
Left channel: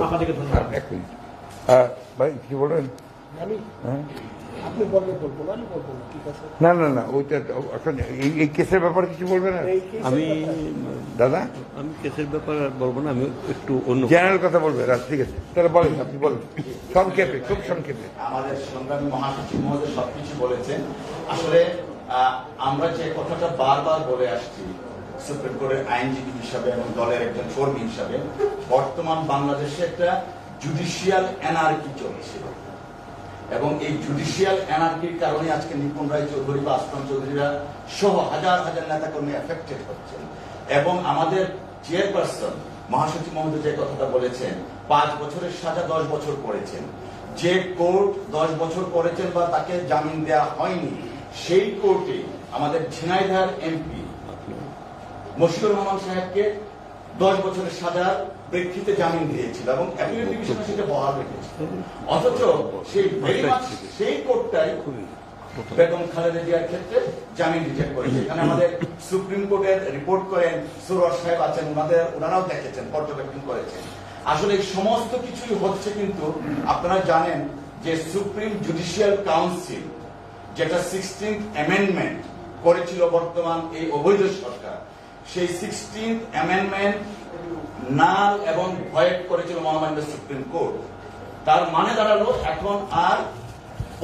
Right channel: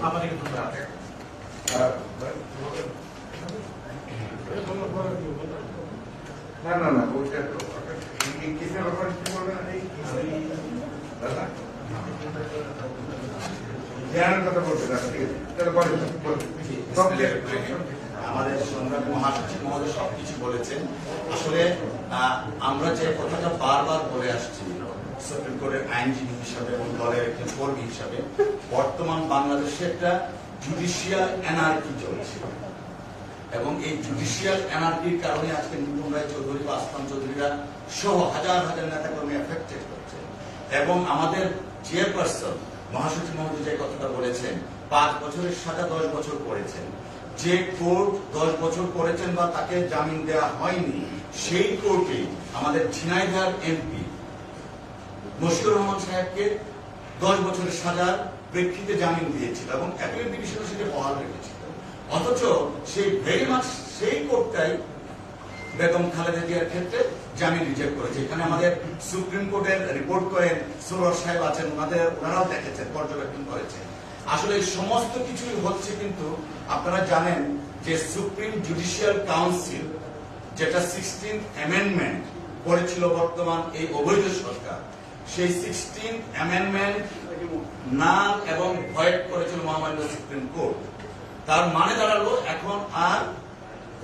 আমাদেরকে ধন্যবাদ। ভাই কি বলেন? না না না, ওইটা এই কেসের ব্যাপারে কিছু বলবেন? আমি দাদা আমি কেসের ব্যাপারে আর বলবো না, আমি একটু অন্য জেনারেল কথা বলবেন। ঠিক আছে, তাহলে বলেন, আপনি বলবেন সংক্ষেপে, খুব সংক্ষেপে। আমাদের সংগ্রামী মহাসচিব মহোদয় সবকিছু বলেছেন। আসলে আমরা যে কথাটা বারবার বলে আসছি সুপ্রিম কোর্টের আইনজীবী হিসাবে এবং দলের একজন কর্মী হিসাবে, বর্তমান বাংলাদেশে একটা জুডিশিয়াল অ্যানার্কি চলছে এবং এই জুডিশিয়াল অ্যানার্কির কারণে আজকে নিপুণ রায় চৌধুরী বা আসলাম চৌধুরীরা সহ হাজার হাজার নেতাকর্মী এফেক্টেড হচ্ছেন। এবং আমাদের চেয়ারপারসন মহাসচিব মহোদয় যে কথাটা বলেছেন 5 বছরের সাজা 10 বছর করেছেন, যে কোর্ট 10 বছর করেছেন বা তাকে জামিন দেওয়া হয়নি সেই কোর্টে আমাদের ঝিনাইদহ এমপি মশিউর রহমান সাহেবকে 10 বছরের সাজার প্রেক্ষিতে জামিন দিয়েছিল এবং অ্যাপিল ডিভিশন সেটা বহাল রেখেছিল। অথচ সেই ভেরি মাচ সেই কোর্টটাই বেগম খালেদা জিয়ার ক্ষেত্রে জামিন রিজেক্ট করেছে। এখানে আমাদের সুপ্রিম কোর্টের রিপোর্ট করেন সুরজ সাহেব আছেন, ওনারাও দেখেছেন, পর্যবেক্ষণ করেছেন। আসলে সমস্ত কিছুই হচ্ছে, কিন্তু আপনারা জানেন যে সুপ্রিম জুডিশিয়াল কাউন্সিল যেটা 16th অ্যামেন্ডমেন্ট করেছিল বর্তমান এই অবৈধ সরকার, সেই 16th অ্যামেন্ডমেন্ট নাল এবং ভয়েড করেছিল মহামান্য সুপ্রিম কোর্ট। তার মানে দাঁড়ালো এখন আর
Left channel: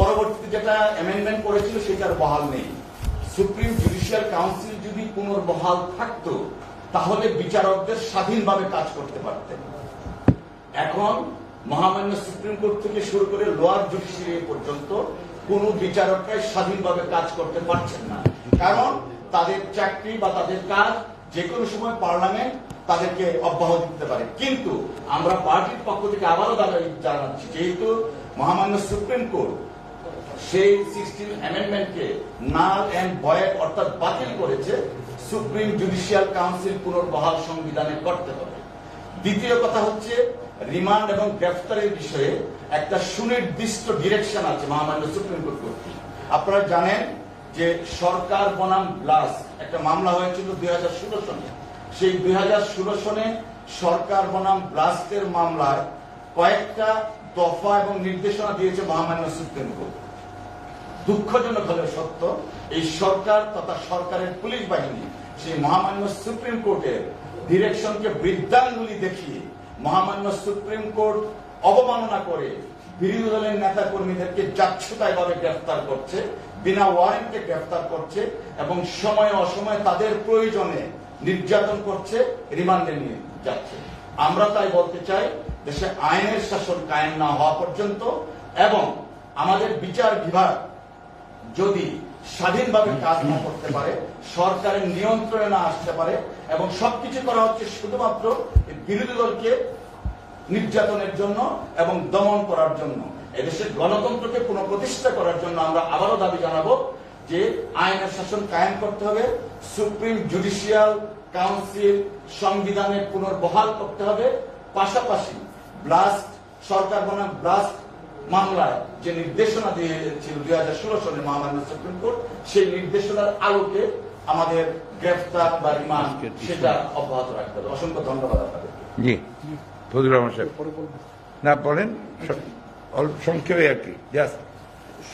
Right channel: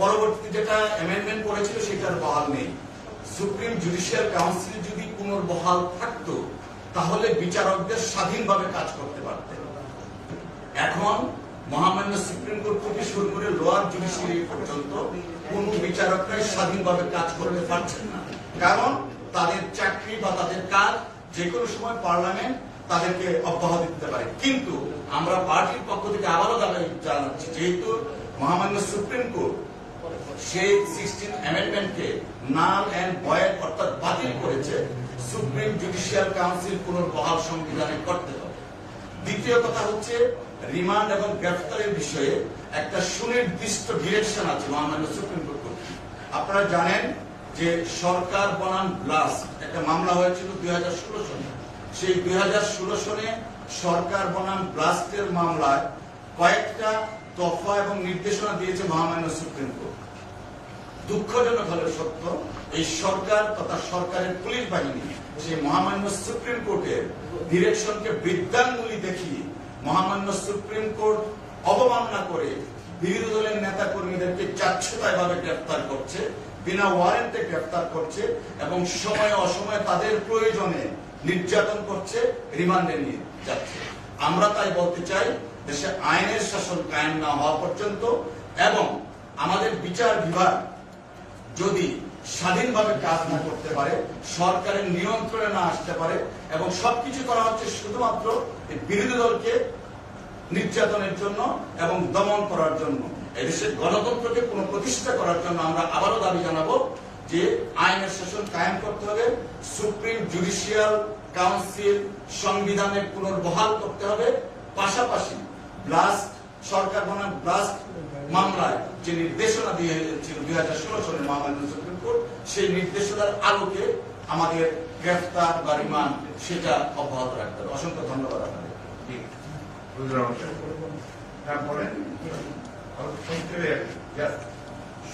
পরবর্তীতে যেটা অ্যামেন্ডমেন্ট করেছিল সেটার বহাল নেই। সুপ্রিম জুডিশিয়াল কাউন্সিল যদি পুনর্বহাল থাকতো তাহলে বিচারকদের স্বাধীনভাবে কাজ করতে পারতেন। এখন মহামান্য সুপ্রিম কোর্ট থেকে শুরু করে লোয়ার জুডিশিয়ারি পর্যন্ত কোন বিচারকরাই স্বাধীনভাবে কাজ করতে পারছেন না, কারণ তাদের চাকরি বা তাদের কাজ যে কোনো সময় পার্লামেন্ট তাদেরকে অব্যাহতি দিতে পারে। কিন্তু আমরা পার্টির পক্ষ থেকে আবারও দাবি জানাচ্ছি, যেহেতু মহামান্য সুপ্রিম কোর্ট সেই 16th অ্যামেন্ডমেন্টকে নাল এন্ড ভয়েড অর্থাৎ বাতিল করেছে, সুপ্রিম জুডিশিয়াল কাউন্সিল পুনর্বহাল সংবিধানে করতে হবে। দ্বিতীয় কথা হচ্ছে রিমান্ড এবং গ্রেফতারের বিষয়ে একটা সুনির্দিষ্ট ডিরেকশন আছে মহামান্য সুপ্রিম কোর্ট কর্তৃক। আপনারা জানেন যে সরকার বনাম ব্লাস্ট একটা মামলা হয়েছিল 2016 সনে। সেই 2016 সনে সরকার বনাম ব্লাস্টের মামলায় কয়েকটা দফা এবং নির্দেশনা দিয়েছে মহামান্য সুপ্রিম কোর্ট। দুঃখজনক হলে সত্য, এই সরকার তথা সরকারের পুলিশ বাহিনী সেই মহামান্য সুপ্রিম কোর্টের ডিরেকশনকে বৃদ্ধাঙ্গুলি দেখিয়ে মহামান্য সুপ্রিম কোর্ট অবমাননা করে বিরোধী দলের নেতা কর্মীদেরকে যাচ্ছেতাইভাবে গ্রেফতার করছে, বিনা ওয়ারেন্টে গ্রেফতার করছে এবং সময়ে অসময়ে তাদের প্রয়োজনে নির্যাতন করছে, রিমান্ডে নিয়ে যাচ্ছে। আমরা তাই বলতে চাই, দেশে আইনের শাসন কায়েম না হওয়া পর্যন্ত এবং আমাদের বিচার বিভাগ যদি স্বাধীনভাবে কাজ না করতে পারে, সরকারের নিয়ন্ত্রণে না আসতে পারে এবং সবকিছু করা হচ্ছে শুধুমাত্র বিরোধী দলকে নির্যাতনের জন্য এবং দমন করার জন্য, এদেশের গণতন্ত্রকে পুনঃপ্রতিষ্ঠা করার জন্য আমরা আবারও দাবি জানাবো যে আইনের শাসন কায়েম করতে হবে, সুপ্রিম জুডিশিয়াল কাউন্সিল সংবিধানে পুনর্বহাল করতে হবে, পাশাপাশি ব্লাস্ট সরকার বনাম ব্লাস্ট মামলায় যে নির্দেশনা দিয়েছিল 2016 সনে মহামান্য সুপ্রিম কোর্ট, সেই নির্দেশনার আলোকে আমাদের গ্রেফতার বা রিমান্ড সেটা অব্যাহত রাখতে হবে। অসংখ্য ধন্যবাদ আপনাদের। জি, ফজলুর রহমান সাহেব না বলেন অল্প সংক্ষেপে আর কি। জাস্ট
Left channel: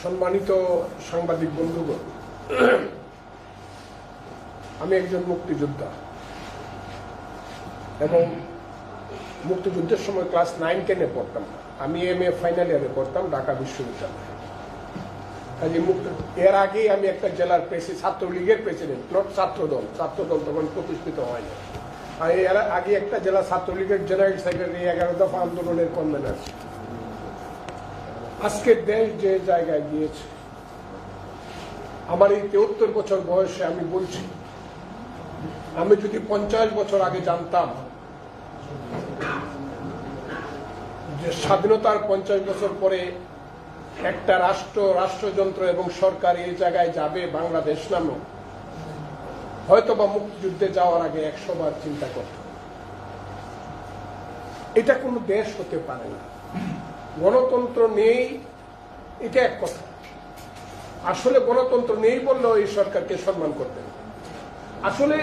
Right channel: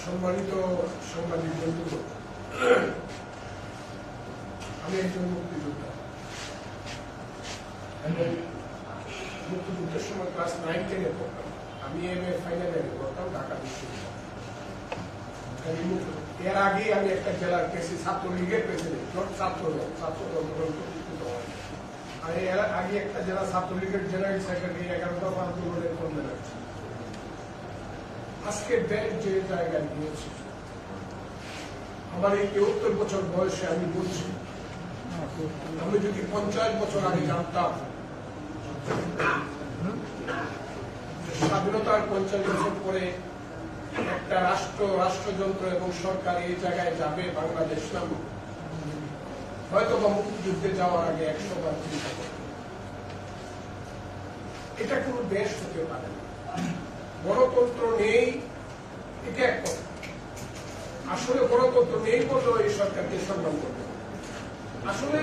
সম্মানিত সাংবাদিক বন্ধুগণ, আমি একজন মুক্তিযোদ্ধা এবং মুক্তিযুদ্ধের সময় ক্লাস 9-10-এ পড়তাম। আমি MA ফাইনাল ইয়ারে পড়তাম ঢাকা বিশ্ববিদ্যালয়ে। এর আগে আমি একটা জেলার ছাত্রলীগের প্রেসিডেন্ট, নট ছাত্রদল তখন প্রতিষ্ঠিত হয়নি। আর এর আগে একটা জেলা ছাত্রলীগের জেনারেল সেক্রেটারি, 11 দফা আন্দোলনের কনভেনার। আজকে দেশ যে জায়গায় গিয়েছে, আমার এই 73 বছর বয়সে আমি বলছি, আমি যদি 50 বছর আগে জানতাম যে স্বাধীনতার 50 বছর পরে একটা রাষ্ট্রযন্ত্র এবং সরকার এই জায়গায় যাবে বাংলাদেশ নামে, হয়তো বা মুক্তিযুদ্ধে যাওয়ার আগে 100 বার চিন্তা করতাম। এটা কোনো দেশ হতে পারে না। গণতন্ত্র নেই, এটা এক কথা। আসলে গণতন্ত্র নেই বললেও এই সরকারকে সম্মান করতে হবে। আসলে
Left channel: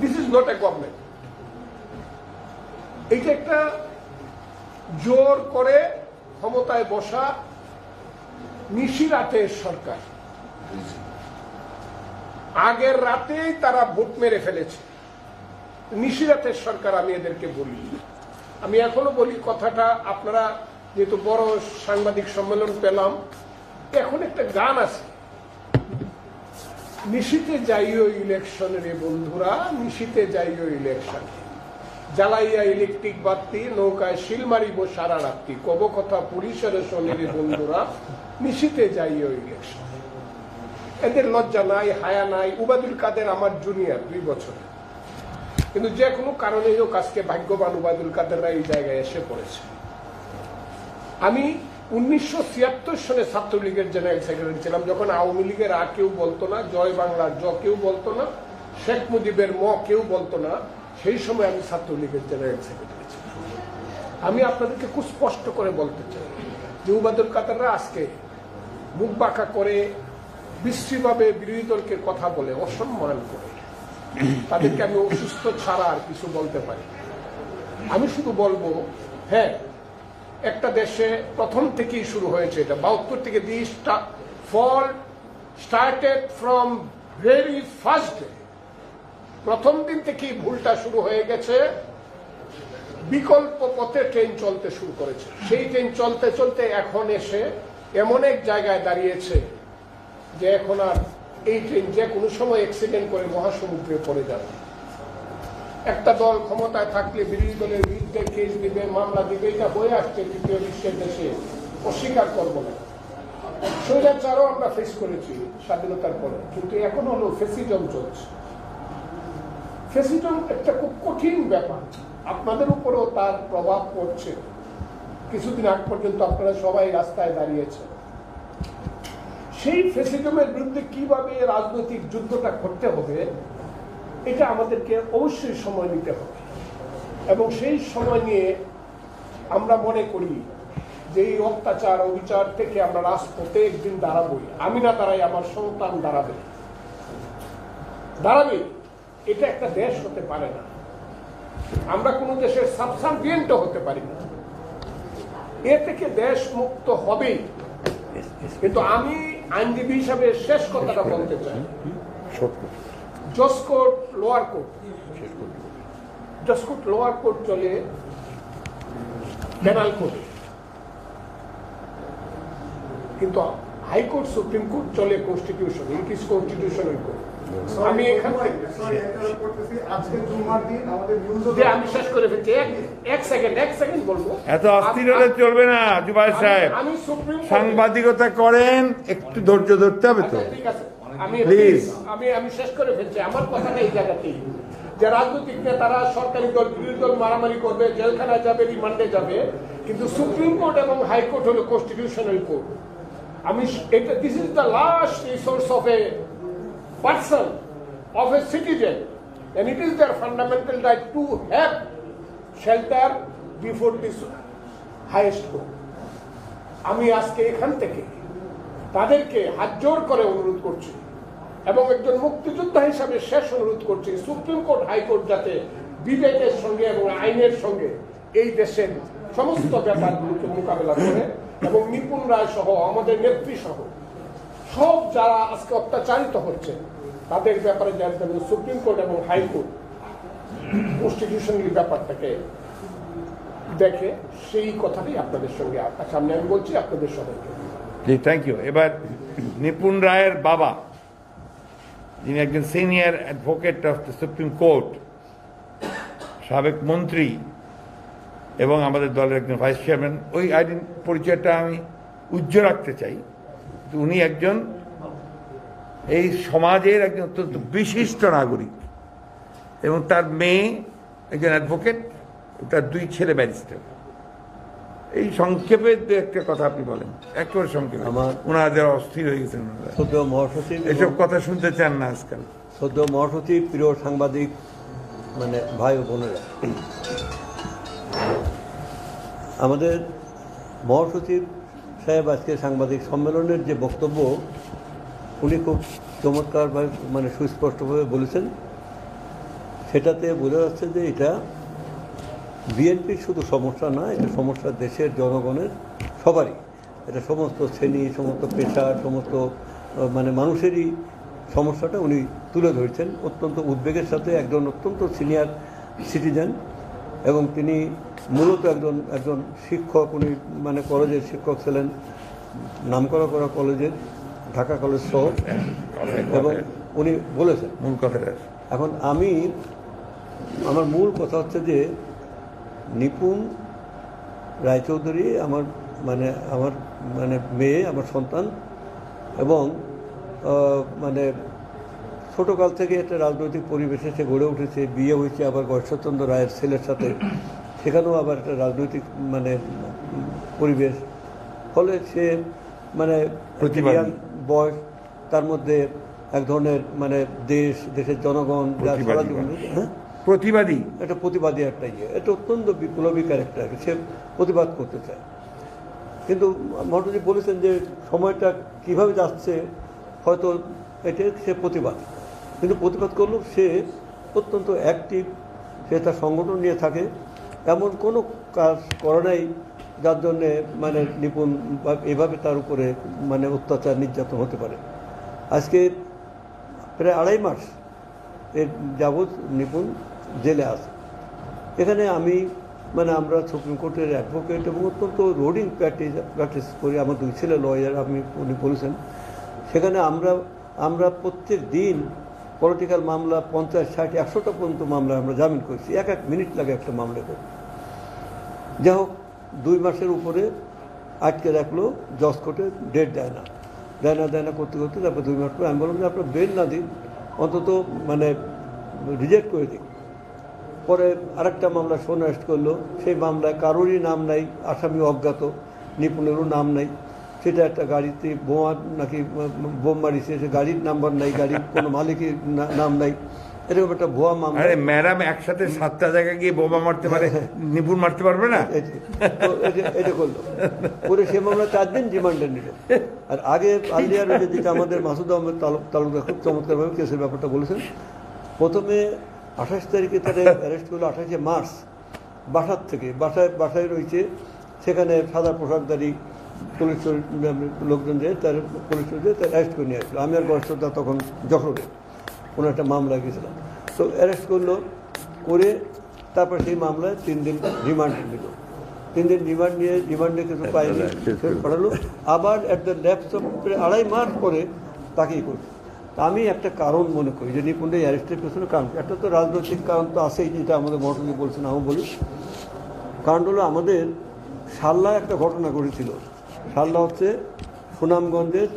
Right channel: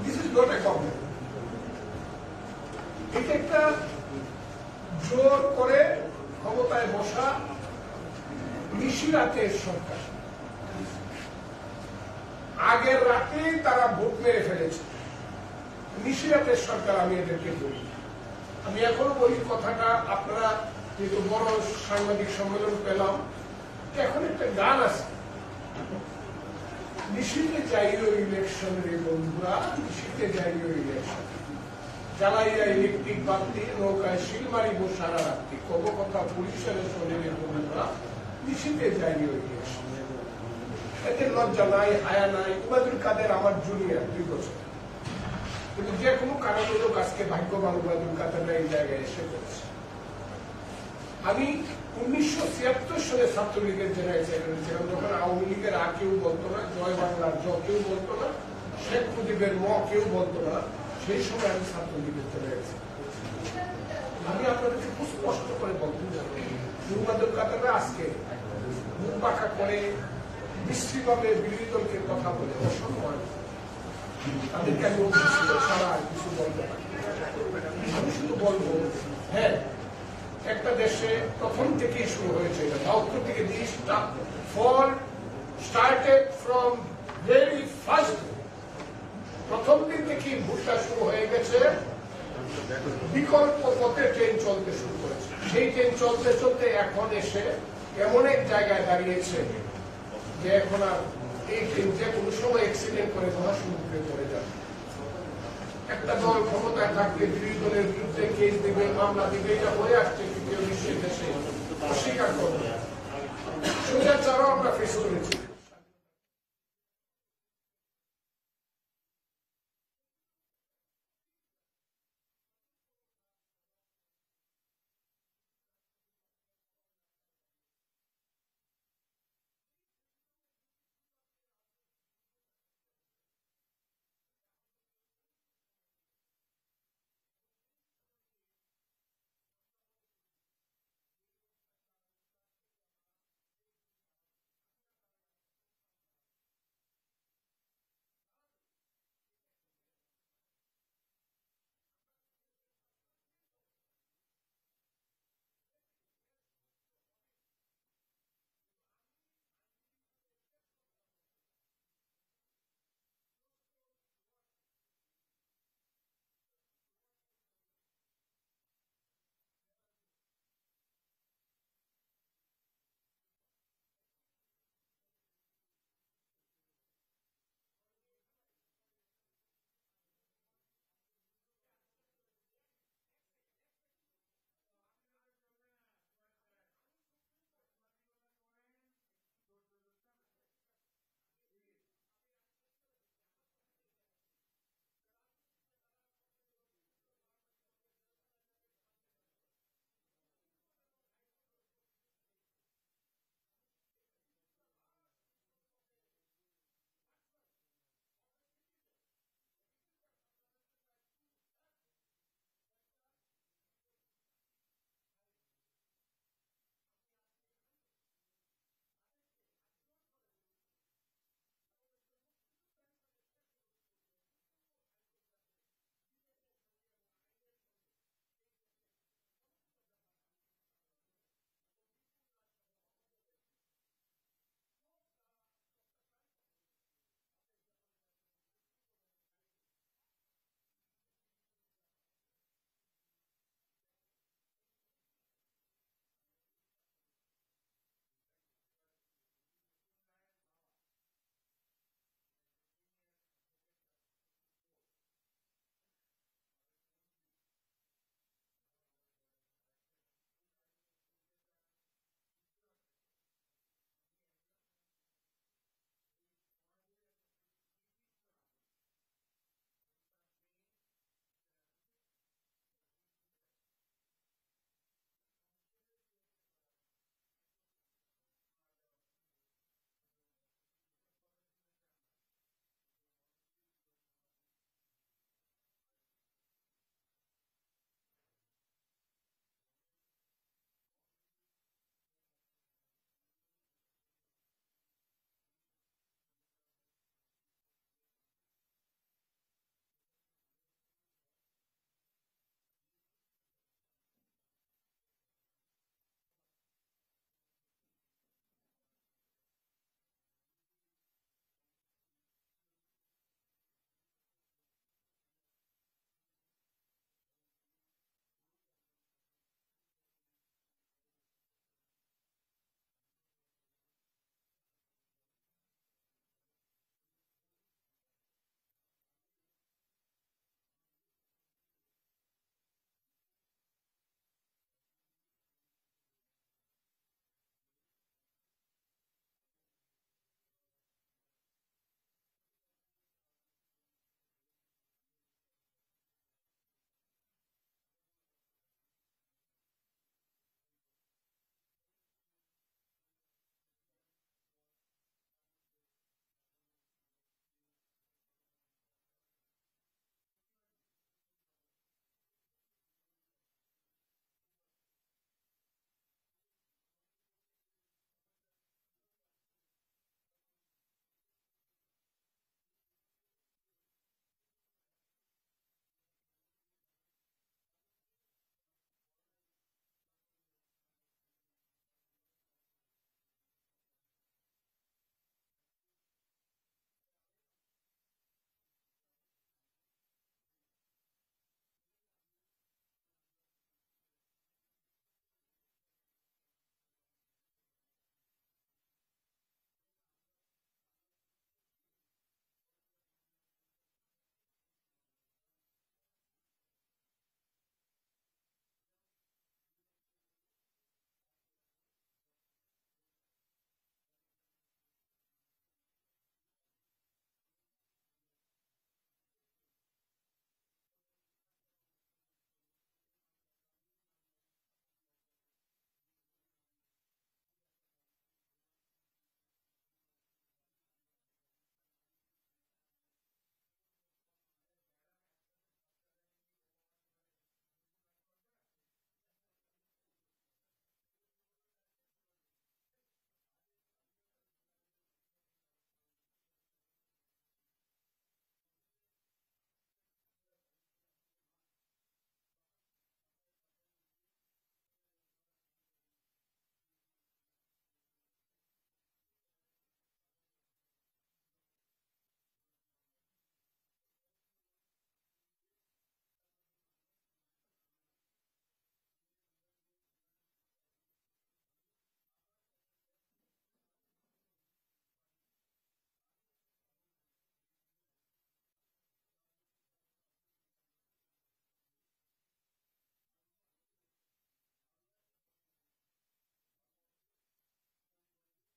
this is not a government. এটা একটা জোর করে ক্ষমতায় বসা নিশিরাতের সরকার। আগের রাতেই তারা ভোট মেরে ফেলেছে। নিশিরাতের সরকার আমি এদেরকে বলি। আমি এখনো বলি কথাটা, আপনারা যেহেতু বড় সাংবাদিক সম্মেলন পেলাম, এখন একটা গান আছে, নিশীতে যাইও ইলেকশনের বন্ধুরা, নিশীতে যাইও ইলেকশন, জ্বালাইয়া ইলেকট্রিক বাতি, নৌকায় শিল মারিব সারা রাত্রি, কব কথা পুলিশের শোনের বন্ধুরা, নিশীতে যাইও ইলেকশন। এদের লজ্জা নাই, হায়া নাই। উবায়দুল কাদের আমার জুনিয়র 2 বছর, কিন্তু যে কোনো কারণে হোক আজকে ভাগ্যবান উবায়দুল কাদেররা এই জায়গায় এসে পড়েছে। আমি 1976 সালে ছাত্রলীগের জেনারেল সেক্রেটারি ছিলাম, যখন আওয়ামী লীগের আ কেউ বলতো না, জয় বাংলার জ কেউ বলতো না, শেখ মুজিবের ম কেউ বলতো না। সেই সময় আমি ছাত্রলীগের জেনারেল সেক্রেটারি ছিলাম। আমি আপনাদেরকে খুব স্পষ্ট করে বলতে চাই যে উবায়দুল কাদেররা আজকে মুখ বাঁকা করে, বিশ্রীভাবে বিরোধী দলকে কথা বলে, অসম্মান করে, তাদেরকে আমি অসুস্থ ছাড়া আর কিছু বলতে পারি। আমি শুধু বলবো, হ্যাঁ, একটা দেশে প্রথম থেকেই শুরু হয়েছে এটা, 72 থেকে this fall started from very first day. প্রথম দিন থেকেই ভুলটা শুরু হয়ে গেছে। বিকল্প পথে ট্রেন চলতে শুরু করেছে। সেই ট্রেন চলতে চলতে এখন এসে এমন এক জায়গায় দাঁড়িয়েছে যে এখন আর এই ট্রেন যে কোনো সময় অ্যাক্সিডেন্ট করে মহাসমুদ্রে পড়ে যাবে। একটা দল ক্ষমতায় থাকলে বিরোধী দলের বিরুদ্ধে কেস দিবে, মামলা দিবে, এটা বয়ে আসছে তৃতীয় বিশ্বের দেশে, অস্বীকার করব না। স্বৈরাচারও আমরা ফেস করেছি স্বাধীনতার পরে, কিন্তু এখন হলো ফেসিজম চলছে। ফেসিজম একটা খুব কঠিন ব্যাপার, আপনাদের উপরেও তার প্রভাব পড়ছে। কিছুদিন আগ পর্যন্ত আপনারা সবাই রাস্তায় দাঁড়িয়েছে। সেই ফেসিজমের বিরুদ্ধে কিভাবে রাজনৈতিক যুদ্ধটা করতে হবে, এটা আমাদেরকে অবশ্যই সময় নিতে হবে। এবং সেই সময় নিয়ে আমরা মনে করি যে এই অত্যাচার অবিচার থেকে আমরা রাজপথে একদিন দাঁড়াবই। আমি না দাঁড়াই, আমার সন্তান দাঁড়াবে। এটা একটা দেশ হতে পারে না। আমরা কোন দেশের সাবসার্ভিয়েন্টও হতে পারি না। এ থেকে দেশ মুক্ত হবেই। কিন্তু আমি আইনজীবী হিসাবে শেষ কথাটা বলতে চাই, জজ কোর্ট, লোয়ার কোর্ট, জজ কোর্ট, লোয়ার কোর্ট চলে পেনাল কোর্টে, কিন্তু হাইকোর্ট, সুপ্রিম কোর্ট চলে constitution, it is constitutional court. আমি এখান থেকে আমি শেষ করে ফেলছি, এক সেকেন্ড বলবো। এত অস্থির হলে চলবে না জুবায়ের সাহেব, আমি সুপ্রিম সাংবাদিকতা করেন, একটু ধৈর্য ধরতে হবে তো। ঠিক আছে, প্লিজ আমি শেষ করে ফেলছি। আমার কথাটা এই জায়গাতেই, যে রাজনৈতিক নেতারা সরকারি দল বিরোধী দল মারামারি করবে, জেলখানায় যাবে, রিমান্ডে যাবে, কিন্তু সুপ্রিম কোর্ট এবং হাইকোর্ট হলো কনস্টিটিউশনাল কোর্ট। আমি এটা, this is the last resource of A person, of a citizen, and it is their fundamental right to have shelter before this highest court. আমি আজকে এখান থেকে তাদেরকে হাত জোর করে অনুরোধ করছি এবং একজন মুক্তিযোদ্ধা হিসাবে শেষ অনুরোধ করছি, সুপ্রিম কোর্ট, হাইকোর্ট যাতে বিবেকের সঙ্গে এবং আইনের সঙ্গে এই দেশের সমস্ত ব্যাপারগুলোকে মোকাবেলা করে এবং নিপুণ রায় সহ, আমাদের নেত্রী সহ সব যারা আজকে অত্যাচারিত হচ্ছে তাদের ব্যাপারে জানতে হবে সুপ্রিম কোর্ট এবং হাইকোর্ট কনস্টিটিউশনাল ব্যাপারটাকে দেখে। সেই কথাটাই আপনাদের সঙ্গে সামনে আমি বলছি, আপনাদের সবাইকে। জি থ্যাংক ইউ। এবার নিপুণ রায়ের বাবা, যিনি একজন senior advocate of the supreme court, সাবেক মন্ত্রী এবং আমাদের দলের একজন ভাইস চেয়ারম্যান, ওই পরিচয়টা আমি উজ্জ্বল রাখতে চাই। উনি একজন এই সমাজের একজন অত্যন্ত বিশিষ্ট নাগরিক এবং তার মেয়ে একজন অ্যাডভোকেট, তার 2 ছেলে ব্যারিস্টার। এই সংক্ষেপে দু একটা কথা আপনি বলেন, একেবারে সংক্ষেপে। ওনারা যারা অস্থির হয়ে গেছেন, সদ্য মহাসচিব, এসব কথা শুনতে চান না আজকাল। সদ্য মহাসচিব, প্রিয় সাংবাদিক মানে ভাই ও বোনেরা, আমাদের মহাসচিব সাহেব আজকে সাংবাদিক সম্মেলনের যে বক্তব্য, উনি খুব চমৎকারভাবে মানে সুস্পষ্টভাবে বলেছেন। সেটাতে বোঝা যাচ্ছে যে এটা বিএনপির শুধু সমস্যা না, এটা সমস্যা দেশের জনগণের সবারই। এটা সমস্ত শ্রেণী, সমস্ত পেশা, সমস্ত মানে মানুষেরই সমস্যাটা উনি তুলে ধরেছেন অত্যন্ত উদ্বেগের সাথে। একজন অত্যন্ত সিনিয়র সিটিজেন এবং তিনি মূলত একজন শিক্ষক। উনি মানে কলেজের শিক্ষক ছিলেন, নামকরা কলেজের, ঢাকা কলেজ সহ। এবং উনি বলেছেন মূল কথাটা। এখন আমার মূল কথা হচ্ছে যে নিপুণ রায়চৌধুরী আমার মেয়ে, আমার সন্তান, এবং মানে ছোটোকাল থেকে একটা রাজনৈতিক পরিবেশে সে গড়ে উঠেছে। বিয়ে হয়েছে আবার গয়েশ্বরচন্দ্র রায়ের ছেলের সাথে, সেখানেও আবার একটা রাজনৈতিক মানে পরিবেশ। ফলে সে মানে বয়স, তার মধ্যে এক ধরনের মানে দেশের জনগণ যা সারা জীবন প্রতিবাদী, একটা প্রতিবাদী একটা এটা অত্যন্ত বিপ্লবী ক্যারেক্টার, সে প্রতিবাদ করতে চায়। কিন্তু মহাসচিব বলেছেন যে সময়টা কিভাবে যাচ্ছে, হয়তো এটা সে প্রতিবাদ, কিন্তু প্রতিবাদ করলেও সে অত্যন্ত অ্যাক্টিভ। সে তার সংগঠন নিয়ে থাকে, এমন কোনো কাজ করে নাই যার জন্যে মানে নিপুণ এভাবে তার উপরে মানে অত্যাচার নির্যাতন হতে পারে। আজকে প্রায় 2.5 মাস এর যাবৎ নিপুণ জেলে আছে। এখানে আমরা সুপ্রিম কোর্টের অ্যাডভোকেট এবং অত্যন্ত রোডিং প্র্যাকটিস করি। আমার 2 ছেলে লয়ার, উনি বলেছেন। সেখানে আমরা প্রত্যেক দিন পলিটিক্যাল মামলা 50, 60, 100টা পর্যন্ত মামলা আমরা জামিন করছি। 1 মিনিট লাগে একটা মামলা করে। যাই হোক, 2 মাসের উপরে আটকে রাখলো জজ কোর্টে, ডেট দেয় না করতে তারপর 2 মাস পরে আমি বললাম যে আপনার বেল না দিন, অন্তত মানে রিজেক্ট করে দিন। পরে আরেকটা মামলা শোন অ্যারেস্ট করলো, সেই মামলায় কারোরই নাম নাই, আসামি অজ্ঞাত, নিপুণেরও নাম নাই। সেটা একটা গাড়িতে বোম মারিছে, সে গাড়ির নাম্বার নাই, গাড়ির কোনো মালিকের নাম নাই, এরকম একটা ভুয়া মামলা। আরে ম্যাডাম একসাথে 7টা জায়গায় গিয়ে বোমা মারতে পারে, নিপুণ মারতে পারবে না? এটা করলো করে সে মামলা 4 দিন রিমান্ডে নিল। আর আগে আলিয়ার যেটা আমাদের মাসুদ আহমেদ তালুকদার খুব চমৎকারভাবে কেসের ব্যাপারটা বলেছেন। প্রথমে 28 তারিখে তারা অ্যারেস্ট করলো, 28 মার্চ বাসায় রয়েছে। সেখানে সাদা পোশাকধারী পুলিশ লোকজন যে তার অ্যারেস্ট করে নিয়ে আসলো। আমি আর গয়েশ্বরদা তখন যশোরে কোনো একটা মামলা গেছিলাম। তো অ্যারেস্ট করলো, করে তারপর সেই মামলায় 3 দিন রিমান্ড নিল। 3 দিন রিমান্ডে কিছু পায়নি, পাঠালো। আবার অ্যাট দ্য ল্যাপস অফ 2.5 মাস পরে তাকেই করল। আমি একটা কারণ মনে করি যে নিপুণের অ্যারেস্টের পেছনে কারণ, একটা তো রাজনৈতিক কারণ তো আছেই, যেটা আমাদের মহাসচিব বলছেন, আমি বলি। কারণ হলো আমাদের শাল্লায় একটা ঘটনা ঘটেছিল। শাল্লা হচ্ছে সুনামগঞ্জের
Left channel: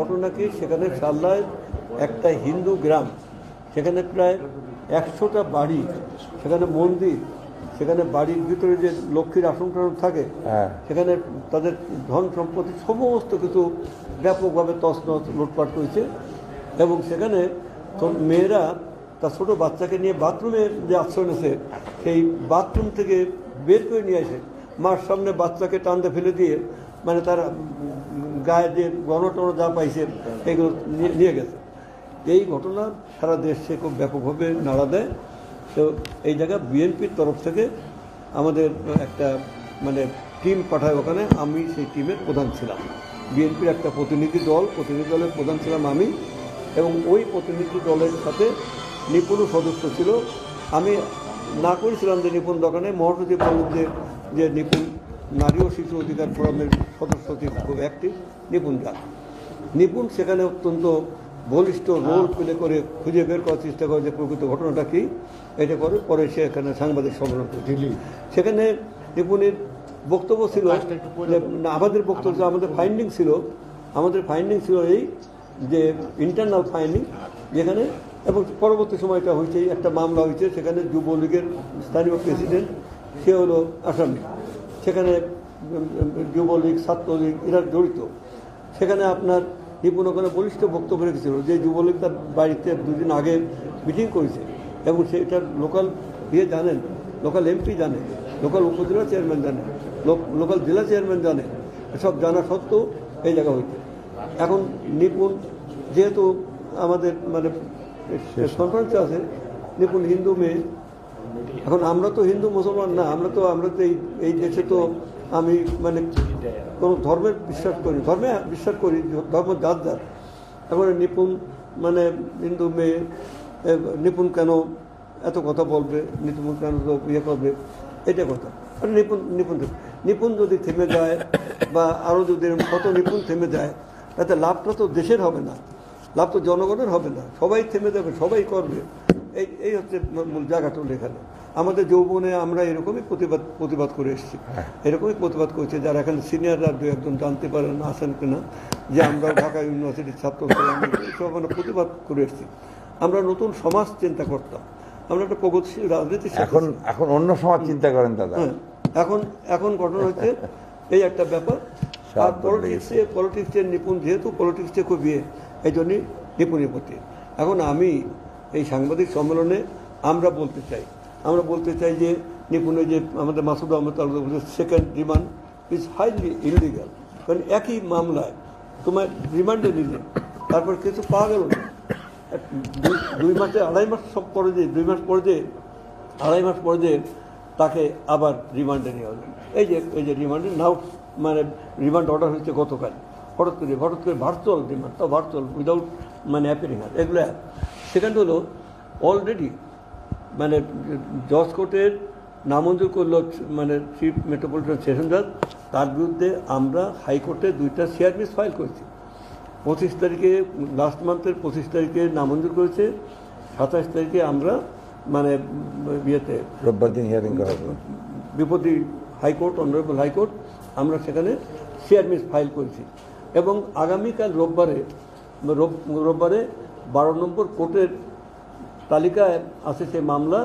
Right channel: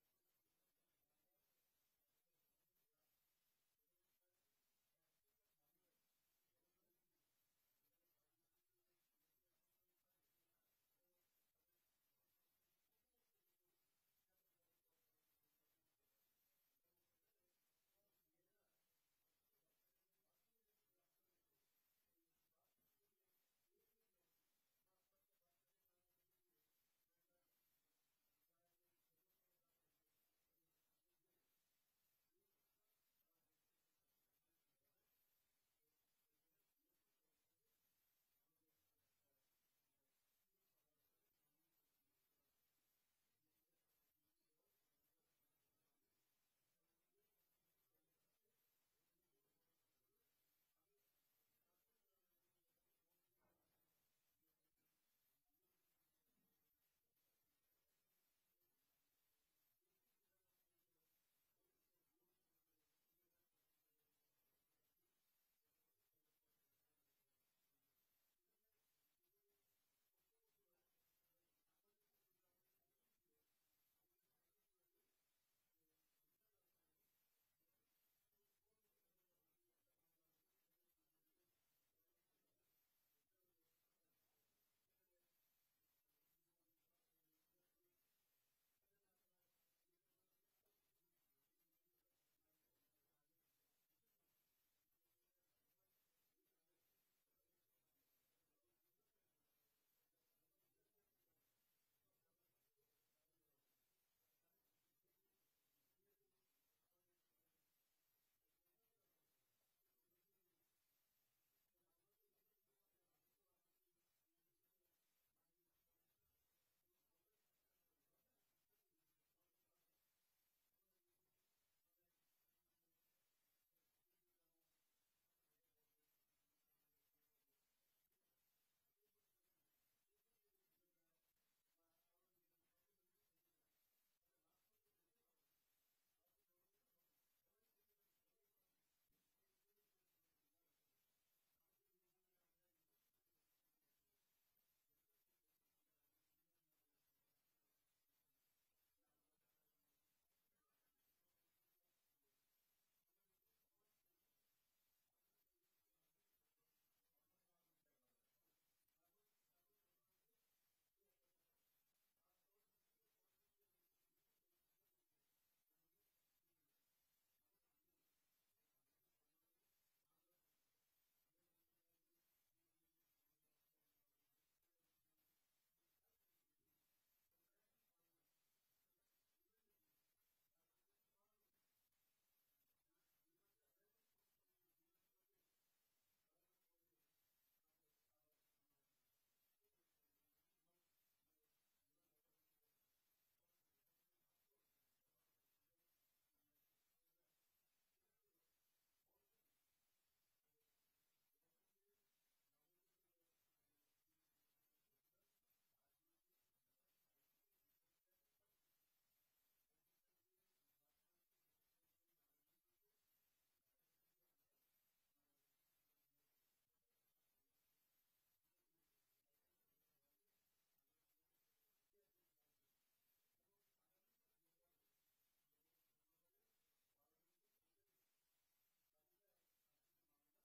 ঘটনা কি, সেখানে শাল্লায় একটা হিন্দু গ্রাম, সেখানে প্রায় 100টা বাড়ি, সেখানে মন্দির, সেখানে বাড়ির ভিতরে যে লক্ষ্মীর আসন থাকে, সেখানে তাদের ধন সম্পত্তি সমস্ত কিছু ব্যাপকভাবে তছনছ লুটপাট করেছে। এবং সেখানে মেয়েরা তার ছোটো বাচ্চাকে নিয়ে বাথরুমে যে আশ্রয় নিয়েছে, সেই বাথরুম থেকে বের করে নিয়ে আসে, মার সামনে বাচ্চাকে টানতে ফেলে দিয়ে মানে তার গায়ে যে গণটন যা পাইছে এগুলো নিয়ে গেছে। এই ঘটনা সারা দেশে খুব ব্যাপকভাবে নাড়া দেয়। তো এই জায়গায় বিএনপির তরফ থেকে আমাদের একটা মানে টিম পাঠায় ওখানে, আমি সেই টিমের প্রধান ছিলাম। বিএনপির একটা প্রতিনিধি দলের প্রধান ছিলাম আমি, এবং ওই প্রতিনিধি দলের সাথে নিপুণও সদস্য ছিল। আমি না করেছিলাম যে নিপুণ দোকানে, মহাসচিব বললেন যে নিপুণ নারী ও শিশু অধিকার ফোরামের সদস্য সচিব খুব অ্যাক্টিভ নিপুণ যান। নিপুণ সেখানে অত্যন্ত বলিষ্ঠ রোল প্লে করে খুঁজে বের করার চেষ্টা করে যে প্রকৃত ঘটনাটা কী, এটা করে পরে সে এখানে সাংবাদিক সম্মেলন করে। সেখানে নিপুণের বক্তব্য ছিল যে আমাদের বক্তব্য, আমাদের ফাইন্ডিং ছিল এই যে ইন্টারনাল ফাইন্ডিং, যেখানে এবং পরবর্তী সময়টা হয়েছে একটা মামলা হয়েছে, সেখানে যুবলীগের স্থানীয় প্রেসিডেন্ট সে হলো আসামি, সেখানে যুবলীগ ছাত্রলীগ এরা জড়িত। সেখানে আপনার নিপুণ ওখানে বলিষ্ঠ বক্তব্য রেখেছিল যে যুবলীগ তার বাড়িতে 2 দিন আগে মিটিং করেছে এবং সেটা লোকাল জানেন, লোকাল এমপি জানে, লোকাল উপজেলা চেয়ারম্যান জানে, লোকাল জেলা চেয়ারম্যান জানে, সব জানা সত্ত্বেও এই জায়গা হইতে। এখন নিপুণ যেহেতু আমাদের মানে কনফারেন্সে আছে, নিপুণ হিন্দু মেয়ে, এখন আমরা তো হিন্দু মুসলমান না, আমরা তো এই দেশে তো আমি মানে কোনো ধর্মে বিশ্বাস করি, ধর্ম যার যার। এখন নিপুণ মানে হিন্দু মেয়ে, নিপুণ কেন এত কথা বলবে, নিপুণ কেন তো ইয়ে করবে, এটা কথা। নিপুণ যদি থেমে যায় বা আরও যদি কত নিপুণ থেমে যায়, তাতে লাভটা তো দেশের হবে না, লাভ তো জনগণের হবে না, সবাই থেমে যাবে, সবাই করবে। এই হচ্ছে মূল জায়গাটা এখানে। আমাদের যৌবনে আমরা এরকমই প্রতিবাদ করে এসেছি, এরকমই প্রতিবাদ করেছি। যারা এখানে সিনিয়ররা 2-1 জানতে পারেন আসেন কিনা, যে আমরা ঢাকা ইউনিভার্সিটির ছাত্র সব আমরা প্রতিবাদ করে এসেছি। আমরা নতুন সমাজ চিন্তা করতাম, আমরা একটা প্রগতিশীল রাজনীতি। এখন অন্য সমাজ চিন্তা করেন দাদা। এখন ঘটনা হচ্ছে এই একটা ব্যাপার। আর পলিটিক্সের নিপুণ, যেহেতু পলিটিক্সে খুব এই জন্যই নিপুণের প্রতি। এখন আমি এই সাংবাদিক সম্মেলনে আমরা বলতে চাই যে নিপুণে যে আমাদের Masud Ahmed second remand is highly illegal. কারণ একই মামলায় তোমার রিমান্ডে নিলে তারপর কিছু পাওয়া গেল না, 2 মাসে 2.5 মাস সব পরে যে 2 মাস পরে যে 2.5 মাস পরে যে তাকে আবার রিমান্ডে নেওয়া হলো। এই যে রিমান্ডে নাও মানে রিমান্ড অর্ডার হয়েছে গতকাল, হঠাৎ করে ভার্চুয়াল রিমান্ড, তাও ভার্চুয়াল উইদাউট মানে অ্যাপিয়ারিং। এগুলো সেকেন্ড হলো অলরেডি মানে জজ কোর্টের নামঞ্জুর করলো মানে চিফ মেট্রোপলিটন সেশন জজ, তার বিরুদ্ধে আমরা হাইকোর্টে 2টা সিআরপিএস ফাইল করেছি। 25 তারিখে লাস্ট মান্থের 25 তারিখে নামঞ্জুর করেছে, 27 তারিখে আমরা মানে রোববার দিন হিয়ারিং করা হবে বিপদী হাইকোর্ট, অনারেবল হাইকোর্ট, আমরা সেখানে সিআরপিএস ফাইল করেছি। এবং আগামীকাল রোববারে 12 নম্বর কোর্টের তালিকায় আছে সে মামলা,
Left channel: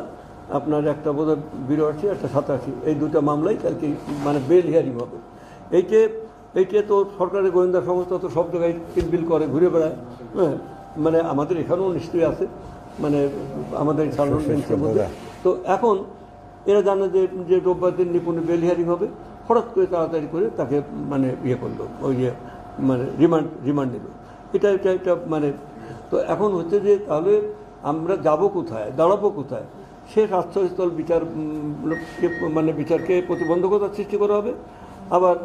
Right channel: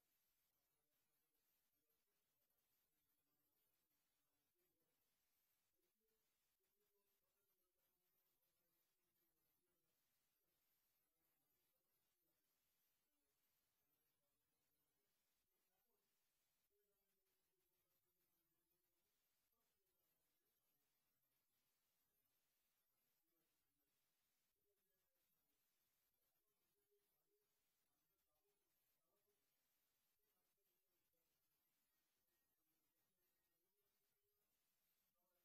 আপনার একটা বোধহয় 82, একটা 87, এই 2টা মামলাই কালকে মানে বেল হিয়ারিং হবে। এইটা তো সরকারের গোয়েন্দা সংস্থা তো সব জায়গায় কিলবিল করে ঘুরে বেড়ায়, হ্যাঁ, মানে আমাদের এখানেও নিশ্চয়ই আছে, মানে আমাদের সাধারণ বেঞ্চের মধ্যে। তো এখন এরা জানে যে রোববার দিন নিপুণের বেল হিয়ারিং হবে, হঠাৎ করে তাড়াতাড়ি করে তাকে মানে ইয়ে করলো, ওই যে মানে রিমান্ড নিল। এটা মানে তো এখন হচ্ছে যে তাহলে আমরা যাব কোথায়, দাঁড়াবো কোথায়? সে আশ্রয়স্থল মানে বিচারকে প্রতিবন্ধকতার সৃষ্টি করা হবে, আবার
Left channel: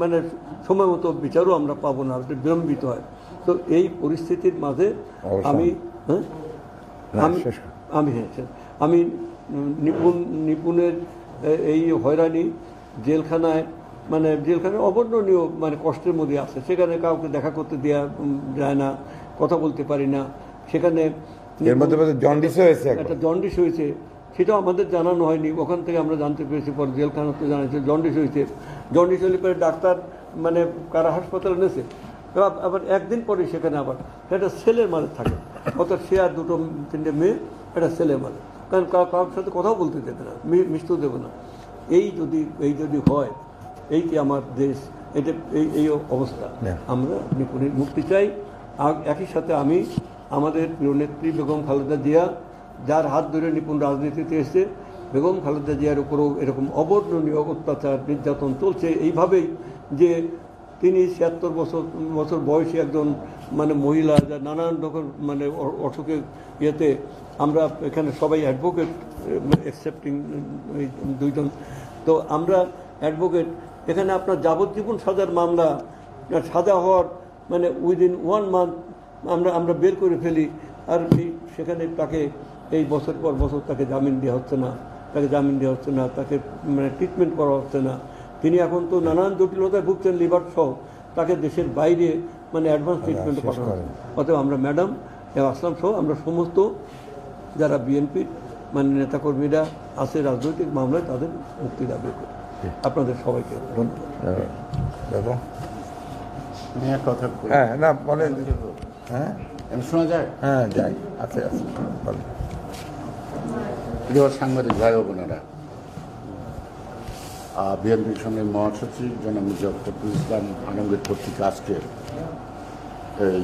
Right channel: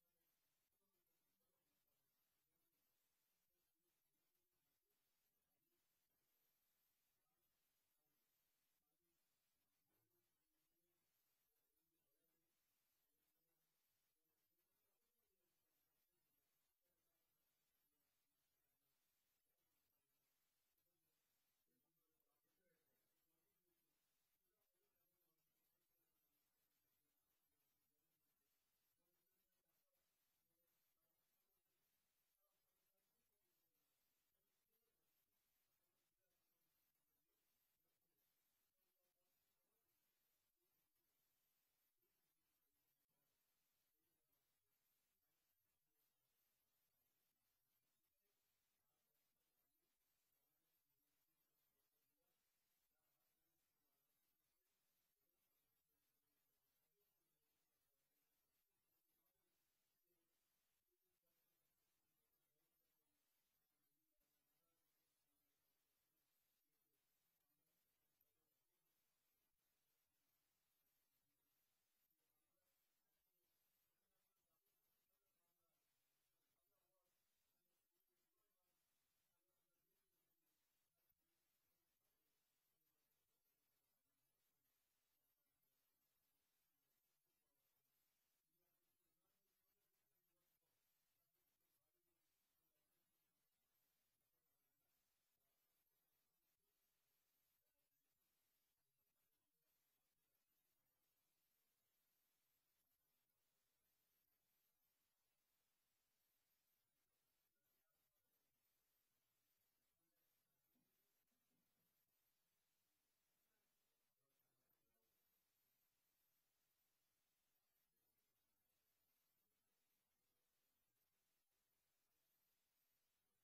মানে সময় মতো বিচারও আমরা পাবো না, বিলম্বিত হয়। তো এই পরিস্থিতির মাঝে আমি নিপুণের এই হয়রানি, জেলখানায় অবর্ণনীয় মানে কষ্টের মধ্যে আছে, সেখানে কাউকে দেখা করতে দেওয়া যায় না, কথা বলতে পারি না। সেখানে একটা জন্ডিস হয়েছে, সেটাও আমাদের জানানো হয়নি, ওখান থেকে আমরা জানতে পেরেছি, পরে জেলখানাতে জানাচ্ছে জন্ডিস হয়েছে। জন্ডিস হলে পরে ডাক্তার মানে কারা হাসপাতালে এনেছে, আবার একদিন পরে সেখানে আবার একটা ছেলের মাঝে থাকে, অর্থাৎ সে আর 2-3টে মেয়ে একটা ছেলের মাঝে, কারণ কারোর সাথে কথাও বলতে দেবে না, মিশতেও দেবে না। এই যদি হয়, এই কি আমার দেশ? এটা এই অবস্থা। আমরা নিপুণের মুক্তি চাই। একই সাথে আমি আমাদের প্রিয় নেত্রী বেগম খালেদা জিয়া, যার হাত ধরে নিপুণ রাজনীতিতে এসেছে, বেগম খালেদা জিয়ার উপরেও এরকম অবর্ণনীয় অত্যাচার নির্যাতন চলছে এইভাবেই যে তিনি 76 বছর বয়সী একজন মানে মহিলা, যা নানান রকম মানে অসুখের ইয়েতে, আমরা এখানে সবাই অ্যাডভোকেট অ্যাকসেপ্টিং 2 জন, তো আমরা অ্যাডভোকেট। এখানে আপনার যাবজ্জীবন সাজার মামলা, সাজা হওয়ার মানে উইদিন 1 মান্থ আমরা বের করে ফেলি, আর সেখানে তাকে এই বছর পর বছর তাকে জামিন দেওয়া হচ্ছে না, তাকে মানে ট্রিটমেন্ট করা হচ্ছে না। তিনি এখন তো নানান জটিলতায় ভুগছেন, লিভার সহ, তাকে দেশের বাইরে মানে অ্যাডভান্স ট্রিটমেন্টে পাঠানো। অতএব আমরা ম্যাডাম আসলাম সহ আমরা সমস্ত যারা বিএনপির মানে নেতাকর্মীরা আছে রাজনৈতিক মামলায় তাদের মুক্তি দাবি করি। আপনাদের সবাইকে দাদা কথা হ্যাঁ না বলেন। হ্যাঁ শোনা যায়? হ্যাঁ যাই, আছে আছে বলেন। প্রিয় সাংবাদিক ভাই ও বোনেরা, বিএনপির সঙ্গে মহাসচিব জনাব মির্জা ফখরুল ইসলাম আলমগীর কর্তৃক আজকে এই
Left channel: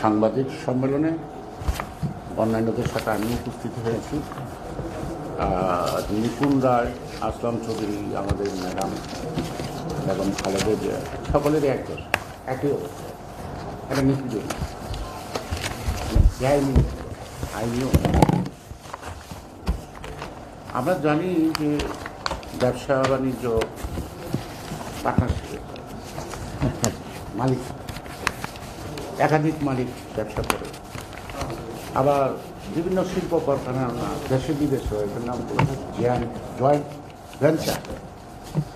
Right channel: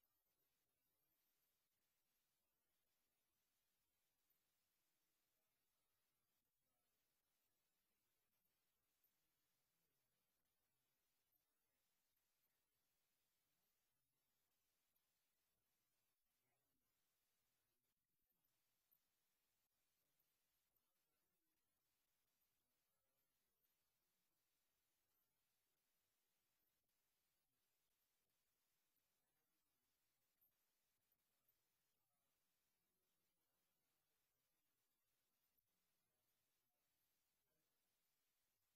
সাংবাদিক সম্মেলনে অন্যান্যদের সাথে আমি উপস্থিত হয়েছি। নিপুণ রায়, আসলাম চৌধুরী, আমাদের ম্যাডাম বেগম খালেদা জিয়া, সকলেরই একই অবস্থা। একটা নীতি আইনিও আমরা জানি যে ব্যবসা বাণিজ্য পার্টনারশিপ, মালিক একাধিক মালিক ব্যবসা করে, আবার বিভিন্ন শিল্প কারখানা দেশে বিদেশে এটার নাম জয়েন্ট ভেঞ্চার।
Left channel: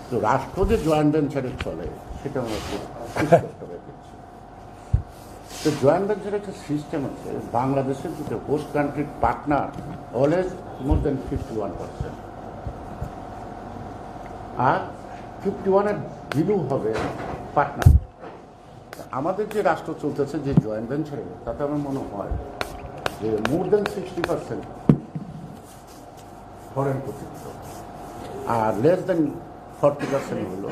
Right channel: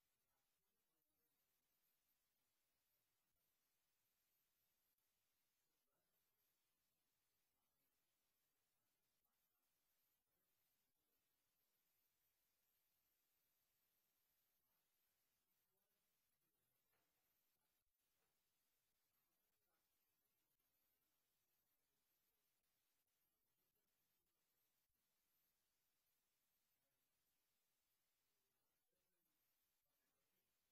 তো রাষ্ট্র যে জয়েন্ট ভেঞ্চারে চলে সেটা আমরা খুব স্পষ্ট দেখছি। তো জয়েন্ট ভেঞ্চারের একটা সিস্টেম আছে, বাংলাদেশের দুটো হোস্ট কান্ট্রির পার্টনার অলওয়েজ মোর দেন 51%, আর 51-এর ভ্যালু হবে পার্টনার। আমাদের যে রাষ্ট্র চলতেছে যে জয়েন্ট ভেঞ্চারে, তাতে আমার মনে হয় যে মোর দেন 60% ফরেন কর্তৃত্ব আর লেস দেন 40% হলো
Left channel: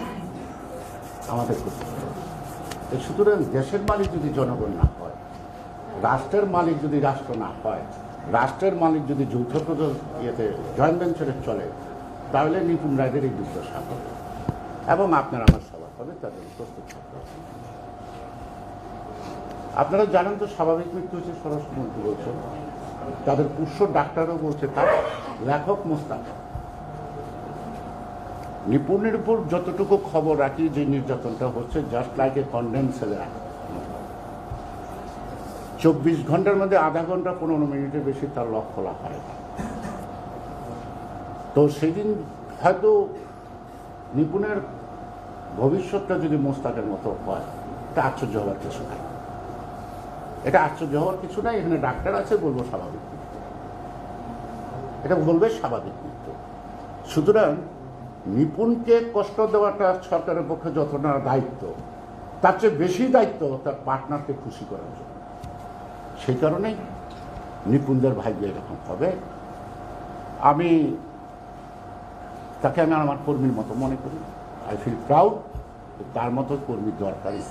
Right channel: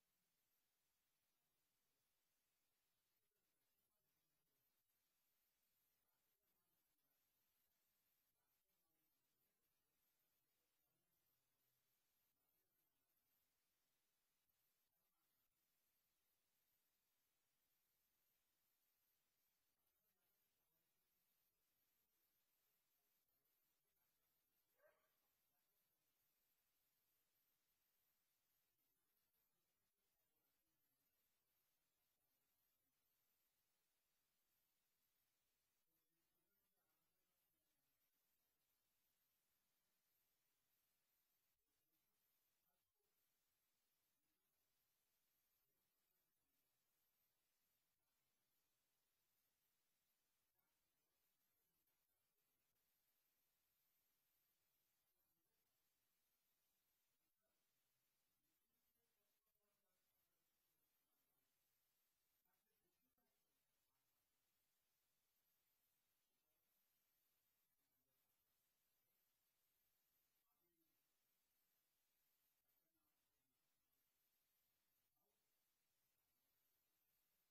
আমাদের কর্তৃত্ব। সুতরাং দেশের মালিক যদি জনগণ না হয়, রাষ্ট্রের মালিক যদি রাষ্ট্র না হয়, রাষ্ট্রের মালিক যদি যৌথ ইয়েতে জয়েন্ট ভেঞ্চারে চলে, তাহলে নিপুণ রায়দের এই দুর্দশা হবে এবং আপনারা আমার সভা হবে তাদের প্রস্তুত থাকতে হবে। আপনারা জানেন তো স্বাভাবিক মৃত্যু হচ্ছে, স্বরাষ্ট্রমন্ত্রী বলছেন, তাদের পুষ্য ডাক্তারও বলছে তার লেখক মোস্তাক। নিপুণের উপর যতটুকু খবর রাখি যে নির্যাতনটা হচ্ছে জাস্ট লাইক এ কন্ডেন্স সেলে, 24 ঘন্টার মধ্যে আধা ঘন্টা 15 মিনিটের বেশি তার লক খোলা হয়। তো সেদিন হয়তো নিপুণের ভবিষ্যৎটা যদি মোস্তাকের মতো হয়, এটা আশ্চর্য হওয়ার কিছু নাই। এটা আশ্চর্য হওয়ার কিছু নাই। এখানে ডাক্তার আছে, বলবো স্বাভাবিক মৃত্যু, এটা বলবে স্বাভাবিক মৃত্যু। সুতরাং নিপুণকে কষ্ট দেওয়াটা সরকারের পক্ষে যত না দায়িত্ব, তার চেয়ে বেশি দায়িত্ব তার পার্টনারকে খুশি করার জন্য। সেই কারণেই নিপুণদের ভাগ্যে এরকম হবে। আমি তাকে আমার কর্মীর মতো মনে করি। আই ফিল প্রাউড, তার মতো কর্মী দরকারই।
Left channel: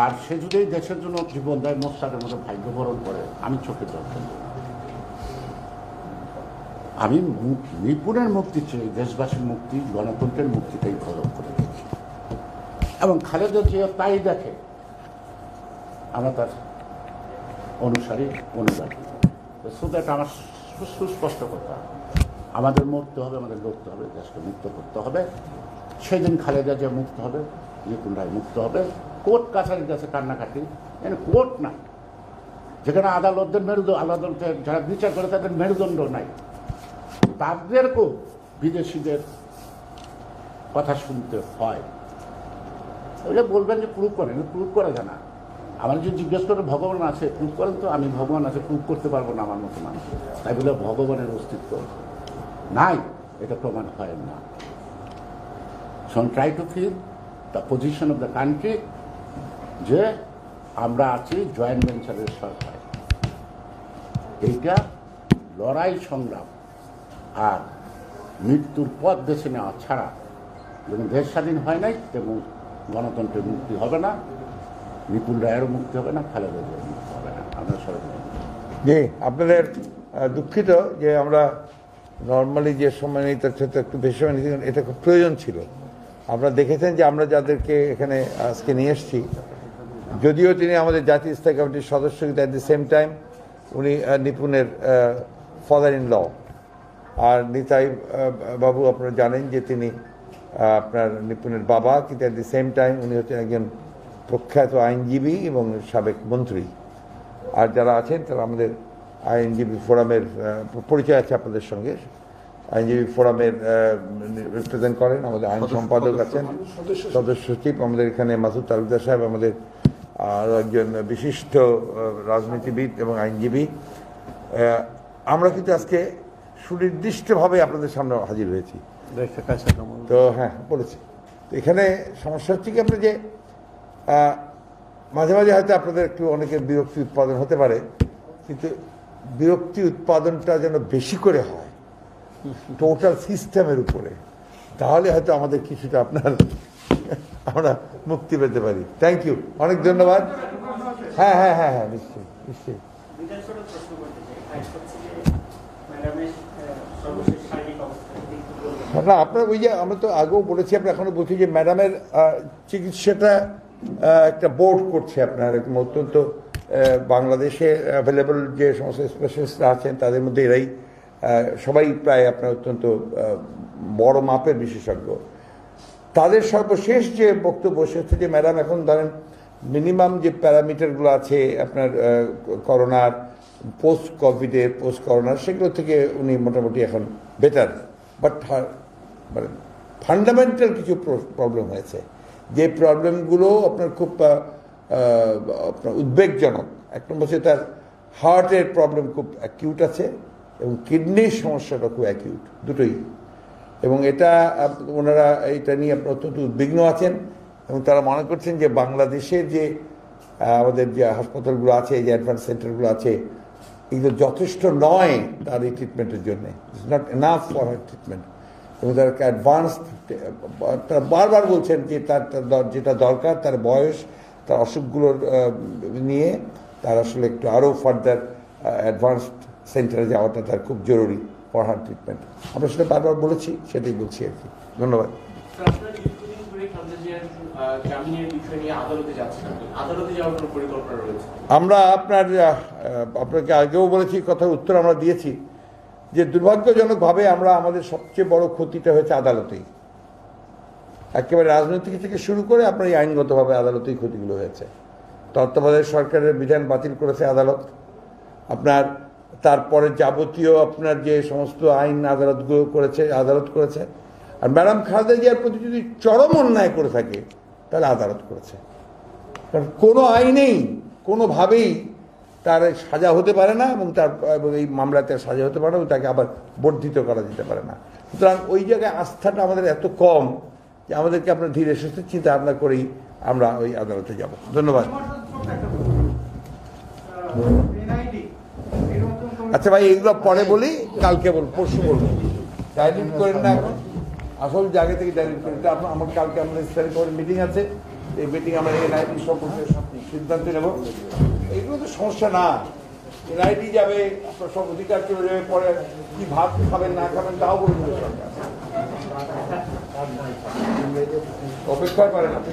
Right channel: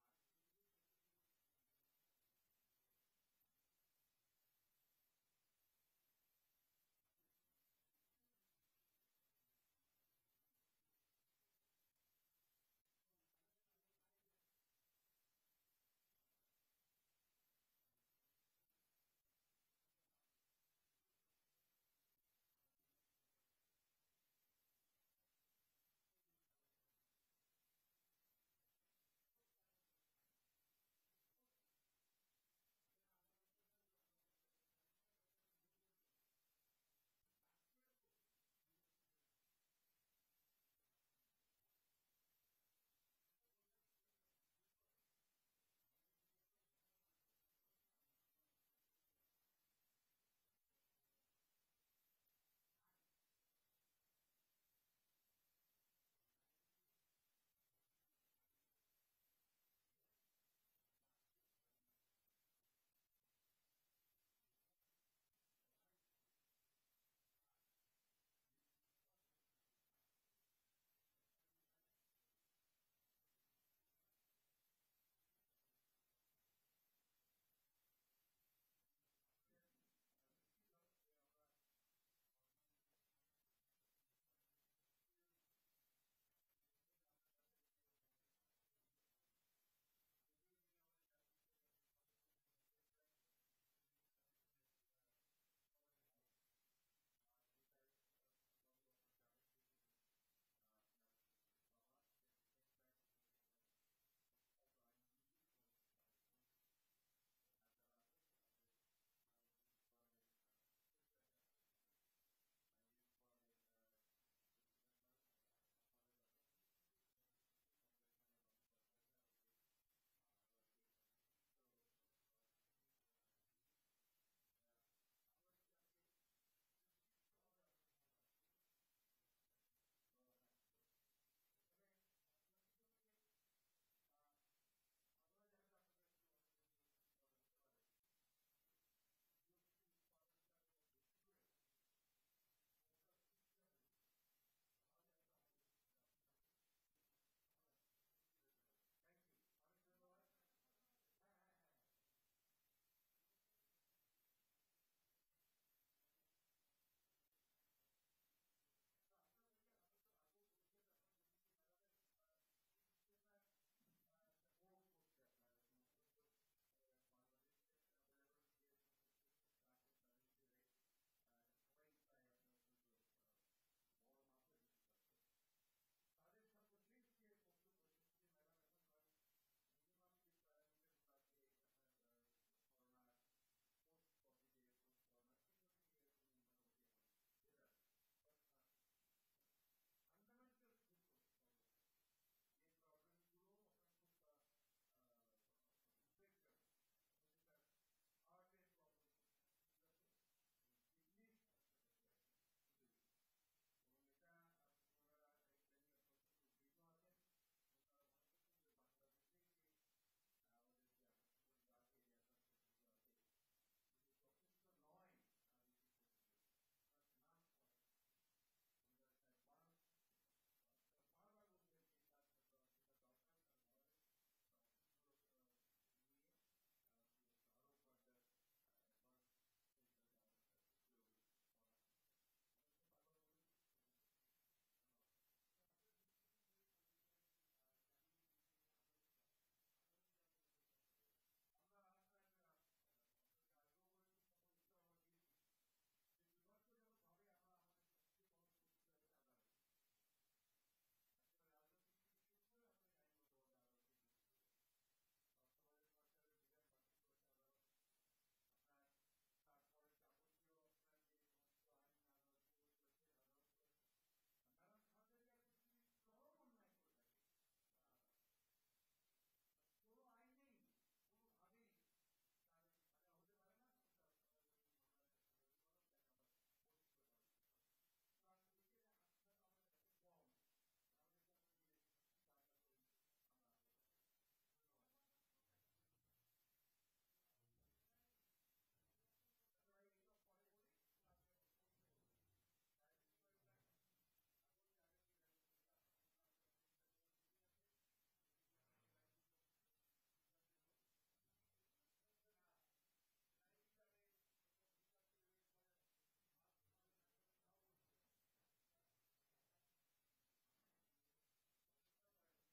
আর সে যদি দেশের জন্য জীবন দেয়, মোস্তাকের মতো ভাগ্য বরণ করে, আমি চোখে জল ফেলব। আমি নিপুণের মুক্তি চেয়ে দেশবাসীর মুক্তি, গণতন্ত্রের মুক্তিটাই গ্রহণ করে দেখি এবং খালেদা জিয়া তাই দেখে। আমরা তার অনুসারী, অনুগামী। সো দ্যাট আমার সুস্পষ্ট কথা, আমাদের মরতে হবে, আমাদের লড়তে হবে, দেশকে মুক্ত করতে হবে। সেদিন খালেদা জিয়া মুক্ত হবে, নিপুণ রায় মুক্ত হবে। কোর্ট কাছারির কাছে কান্নাকাটি, মানে কোর্ট না, যেখানে আদালতের আদালতের যারা বিচার করে তাদের মেরুদণ্ড নাই, তাদেরকেও বিদেশিদের কথা শুনতে হয়। ওইটা বলবেন যে প্রুভ করেন, প্রুভ করা যায় না। আমার যে জিজ্ঞেস করে ভগবান আছে, প্রুভ করেন তো। আমি ভগবান আছে প্রুভ করতে পারবো না আমার মতো মানুষ, তাই বলে ভগবানের অস্তিত্ব নাই এটা প্রমাণ হয় না। So try to feel the position of the country, যে আমরা আছি জয়েন্ট ভেঞ্চারের সরকার। এইটা লড়াই সংগ্রাম আর মৃত্যুর পথ বেছে নেওয়া ছাড়া যেমন দেশ স্বাধীন হয় নাই, তেমন গণতন্ত্রের মুক্তি হবে না, নিপুণ রায়েরও মুক্তি হবে না, খালেদা জিয়ার মুক্তি হবে না। আমরা সবাই জি আপনাদের দুঃখিত যে আমরা নর্মালি যে সময় নিই তার সাথে একটু বেশি সময় নিতে, এটা খুব প্রয়োজন ছিল। আপনারা দেখেছেন যে আমরা যাদেরকে এখানে আজকে নিয়ে এসেছি, যদিও তিনি আমাদের জাতীয় স্থায়ী কমিটির সদস্য, কিন্তু অ্যাট দি সেম টাইম উনি নিপুণের ফাদার ইন ল। আর নিতাই বাবু আপনারা জানেন যে তিনি আপনার নিপুণের বাবা, কিন্তু অ্যাট দি সেম টাইম উনি হচ্ছেন একজন প্রখ্যাত আইনজীবী এবং সাবেক মন্ত্রী। আর যারা আছেন তারা আমাদের আইনজীবী ফোরামের পরিচয় আছে আপনাদের সঙ্গে। আইনজীবী ফোরামের রিপ্রেজেন্ট করেন, আমাদের আইন সম্পাদক আছেন, সদস্য সচিব আমাদের এখানে মাসুদ তালুকদার সাহেব, আমাদের আরও একজন বিশিষ্ট রাজনীতিবিদ এবং আইনজীবী। আমরা কিন্তু আজকে সুনির্দিষ্টভাবে আপনাদের সামনে হাজির হয়েছি। তো হ্যাঁ বলেছি, এখানে সমস্যা হচ্ছে কি আপনার যে মাঝে মাঝে হয়তো আপনাদের একটু অনেকের বিরক্তি উৎপাদন হতে পারে, কিন্তু বিরক্তি উৎপাদনটা যেন বেশি করে হয় টোটাল সিস্টেমের উপরে, তাহলে হয়তো আমাদের কিছুটা আমরা মুক্তি পেতে পারি। থ্যাংক ইউ, অনেক ধন্যবাদ। হ্যাঁ হ্যাঁ হ্যাঁ হ্যাঁ নিশ্চয়ই নিশ্চয়ই। না আপনার ওই যে আমরা তো আগেও বলেছি, আমরা এখনো বলছি যে ম্যাডামের চিকিৎসাটা একটা বোর্ড করছে আপনার অত্যন্ত বাংলাদেশে অ্যাভেলেবল যে সমস্ত স্পেশালিস্টরা আছেন তাদের মধ্যে এরাই সবাই প্রায় আপনার অত্যন্ত বড় মাপের বিশেষজ্ঞ। তাদের সর্বশেষ যে বক্তব্য সে হচ্ছে যে ম্যাডাম এখন ধরেন মিনিমাম যে প্যারামিটারগুলো আছে আপনার করোনার, পোস্ট কোভিডের, পোস্ট করোনার, সেগুলো থেকে উনি মোটামুটি এখন বেটার, বাট মানে ফান্ডামেন্টাল কিছু প্রবলেম হয়েছে, যে প্রবলেমগুলো আপনার খুব আপনার উদ্বেগজনক। এক নম্বর হচ্ছে তার হার্টের প্রবলেম খুব অ্যাকিউট আছে এবং কিডনির সমস্যাটা খুব অ্যাকিউট, দুটোই। এবং এটা ওনারা এটা নিয়ে আপনার অত্যন্ত উদ্বিগ্ন আছেন এবং তারা মনে করছেন যে বাংলাদেশের যে আমাদের যে হাসপাতালগুলো আছে, যে অ্যাডভান্স সেন্টারগুলো আছে, এগুলো যথেষ্ট নয় তার এই ট্রিটমেন্টের জন্যে, it's not enough for her treatment. এবং তার অ্যাডভান্স, তারা বারবার বলছেন যে তার যেটা দরকার, তার বয়স, তার অসুখগুলোর নিয়ে তার আসলে একটু আরও ফার্দার অ্যাডভান্সড সেন্টারে যাওয়াটা তার খুব জরুরি ফর হার ট্রিটমেন্ট। আমরা সেটা বারবার বলেছি, সেটাই বলছি আর কি। ধন্যবাদ। আমরা আপনাকে আগেও বলেছি, কথার উত্তর আমরা দিয়েছি যে দুর্ভাগ্যজনকভাবে আমরা আমাদের সবচেয়ে বড় ক্ষতিটা হয়েছে আদালতেই, একেবারে রাজনৈতিক থেকে শুরু করে আপনার এই আইনগতভাবে আদালতেই ক্ষতিগুলো হয়েছে। তত্ত্বাবধায়ক সরকারের বিধান বাতিল করেছে আদালত, আপনার তারপরে যাবতীয় আপনার যে সমস্ত আইন আদালতগুলো করেছে, আদালত করেছে। আর ম্যাডাম খালেদা জিয়ার প্রতি যদি চরম অন্যায় করে থাকে তাহলে আদালত করেছে, কারণ কোনো আইনেই কোনোভাবেই তার সাজা হতে পারে না এবং তার এই মামলাতে সাজা হতে পারে না এবং তাকে আবার বর্ধিত করা যেতে পারে না। সুতরাং ওই জায়গায় আস্থাটা আমাদের এত কম যে আমাদেরকে আপনার ধীরে সুস্থে চিন্তা ভাবনা করেই আমরা ওই আদালতে যাব। ধন্যবাদ। আচ্ছা ভাই, এগুলো পরে বলি, কালকে বলবো, পরশু বলবো। ডাইলিট করেন না এখন, আসল জায়গা থেকে ডাইলিট করেন। আমার কালকে আমাদের স্টাডি কমিটির মিটিং আছে, এই মিটিং আমরা এনআইটি সম্পর্কে সিদ্ধান্ত নেব। এগুলো তো সমস্যা না, এনআইটি যাবে, আপনার সব অধিকার চলে যাবে, পরে কি ভাত খাবেন না খাবেন তাও বলুন সরকার, অপেক্ষা করেন আপনি।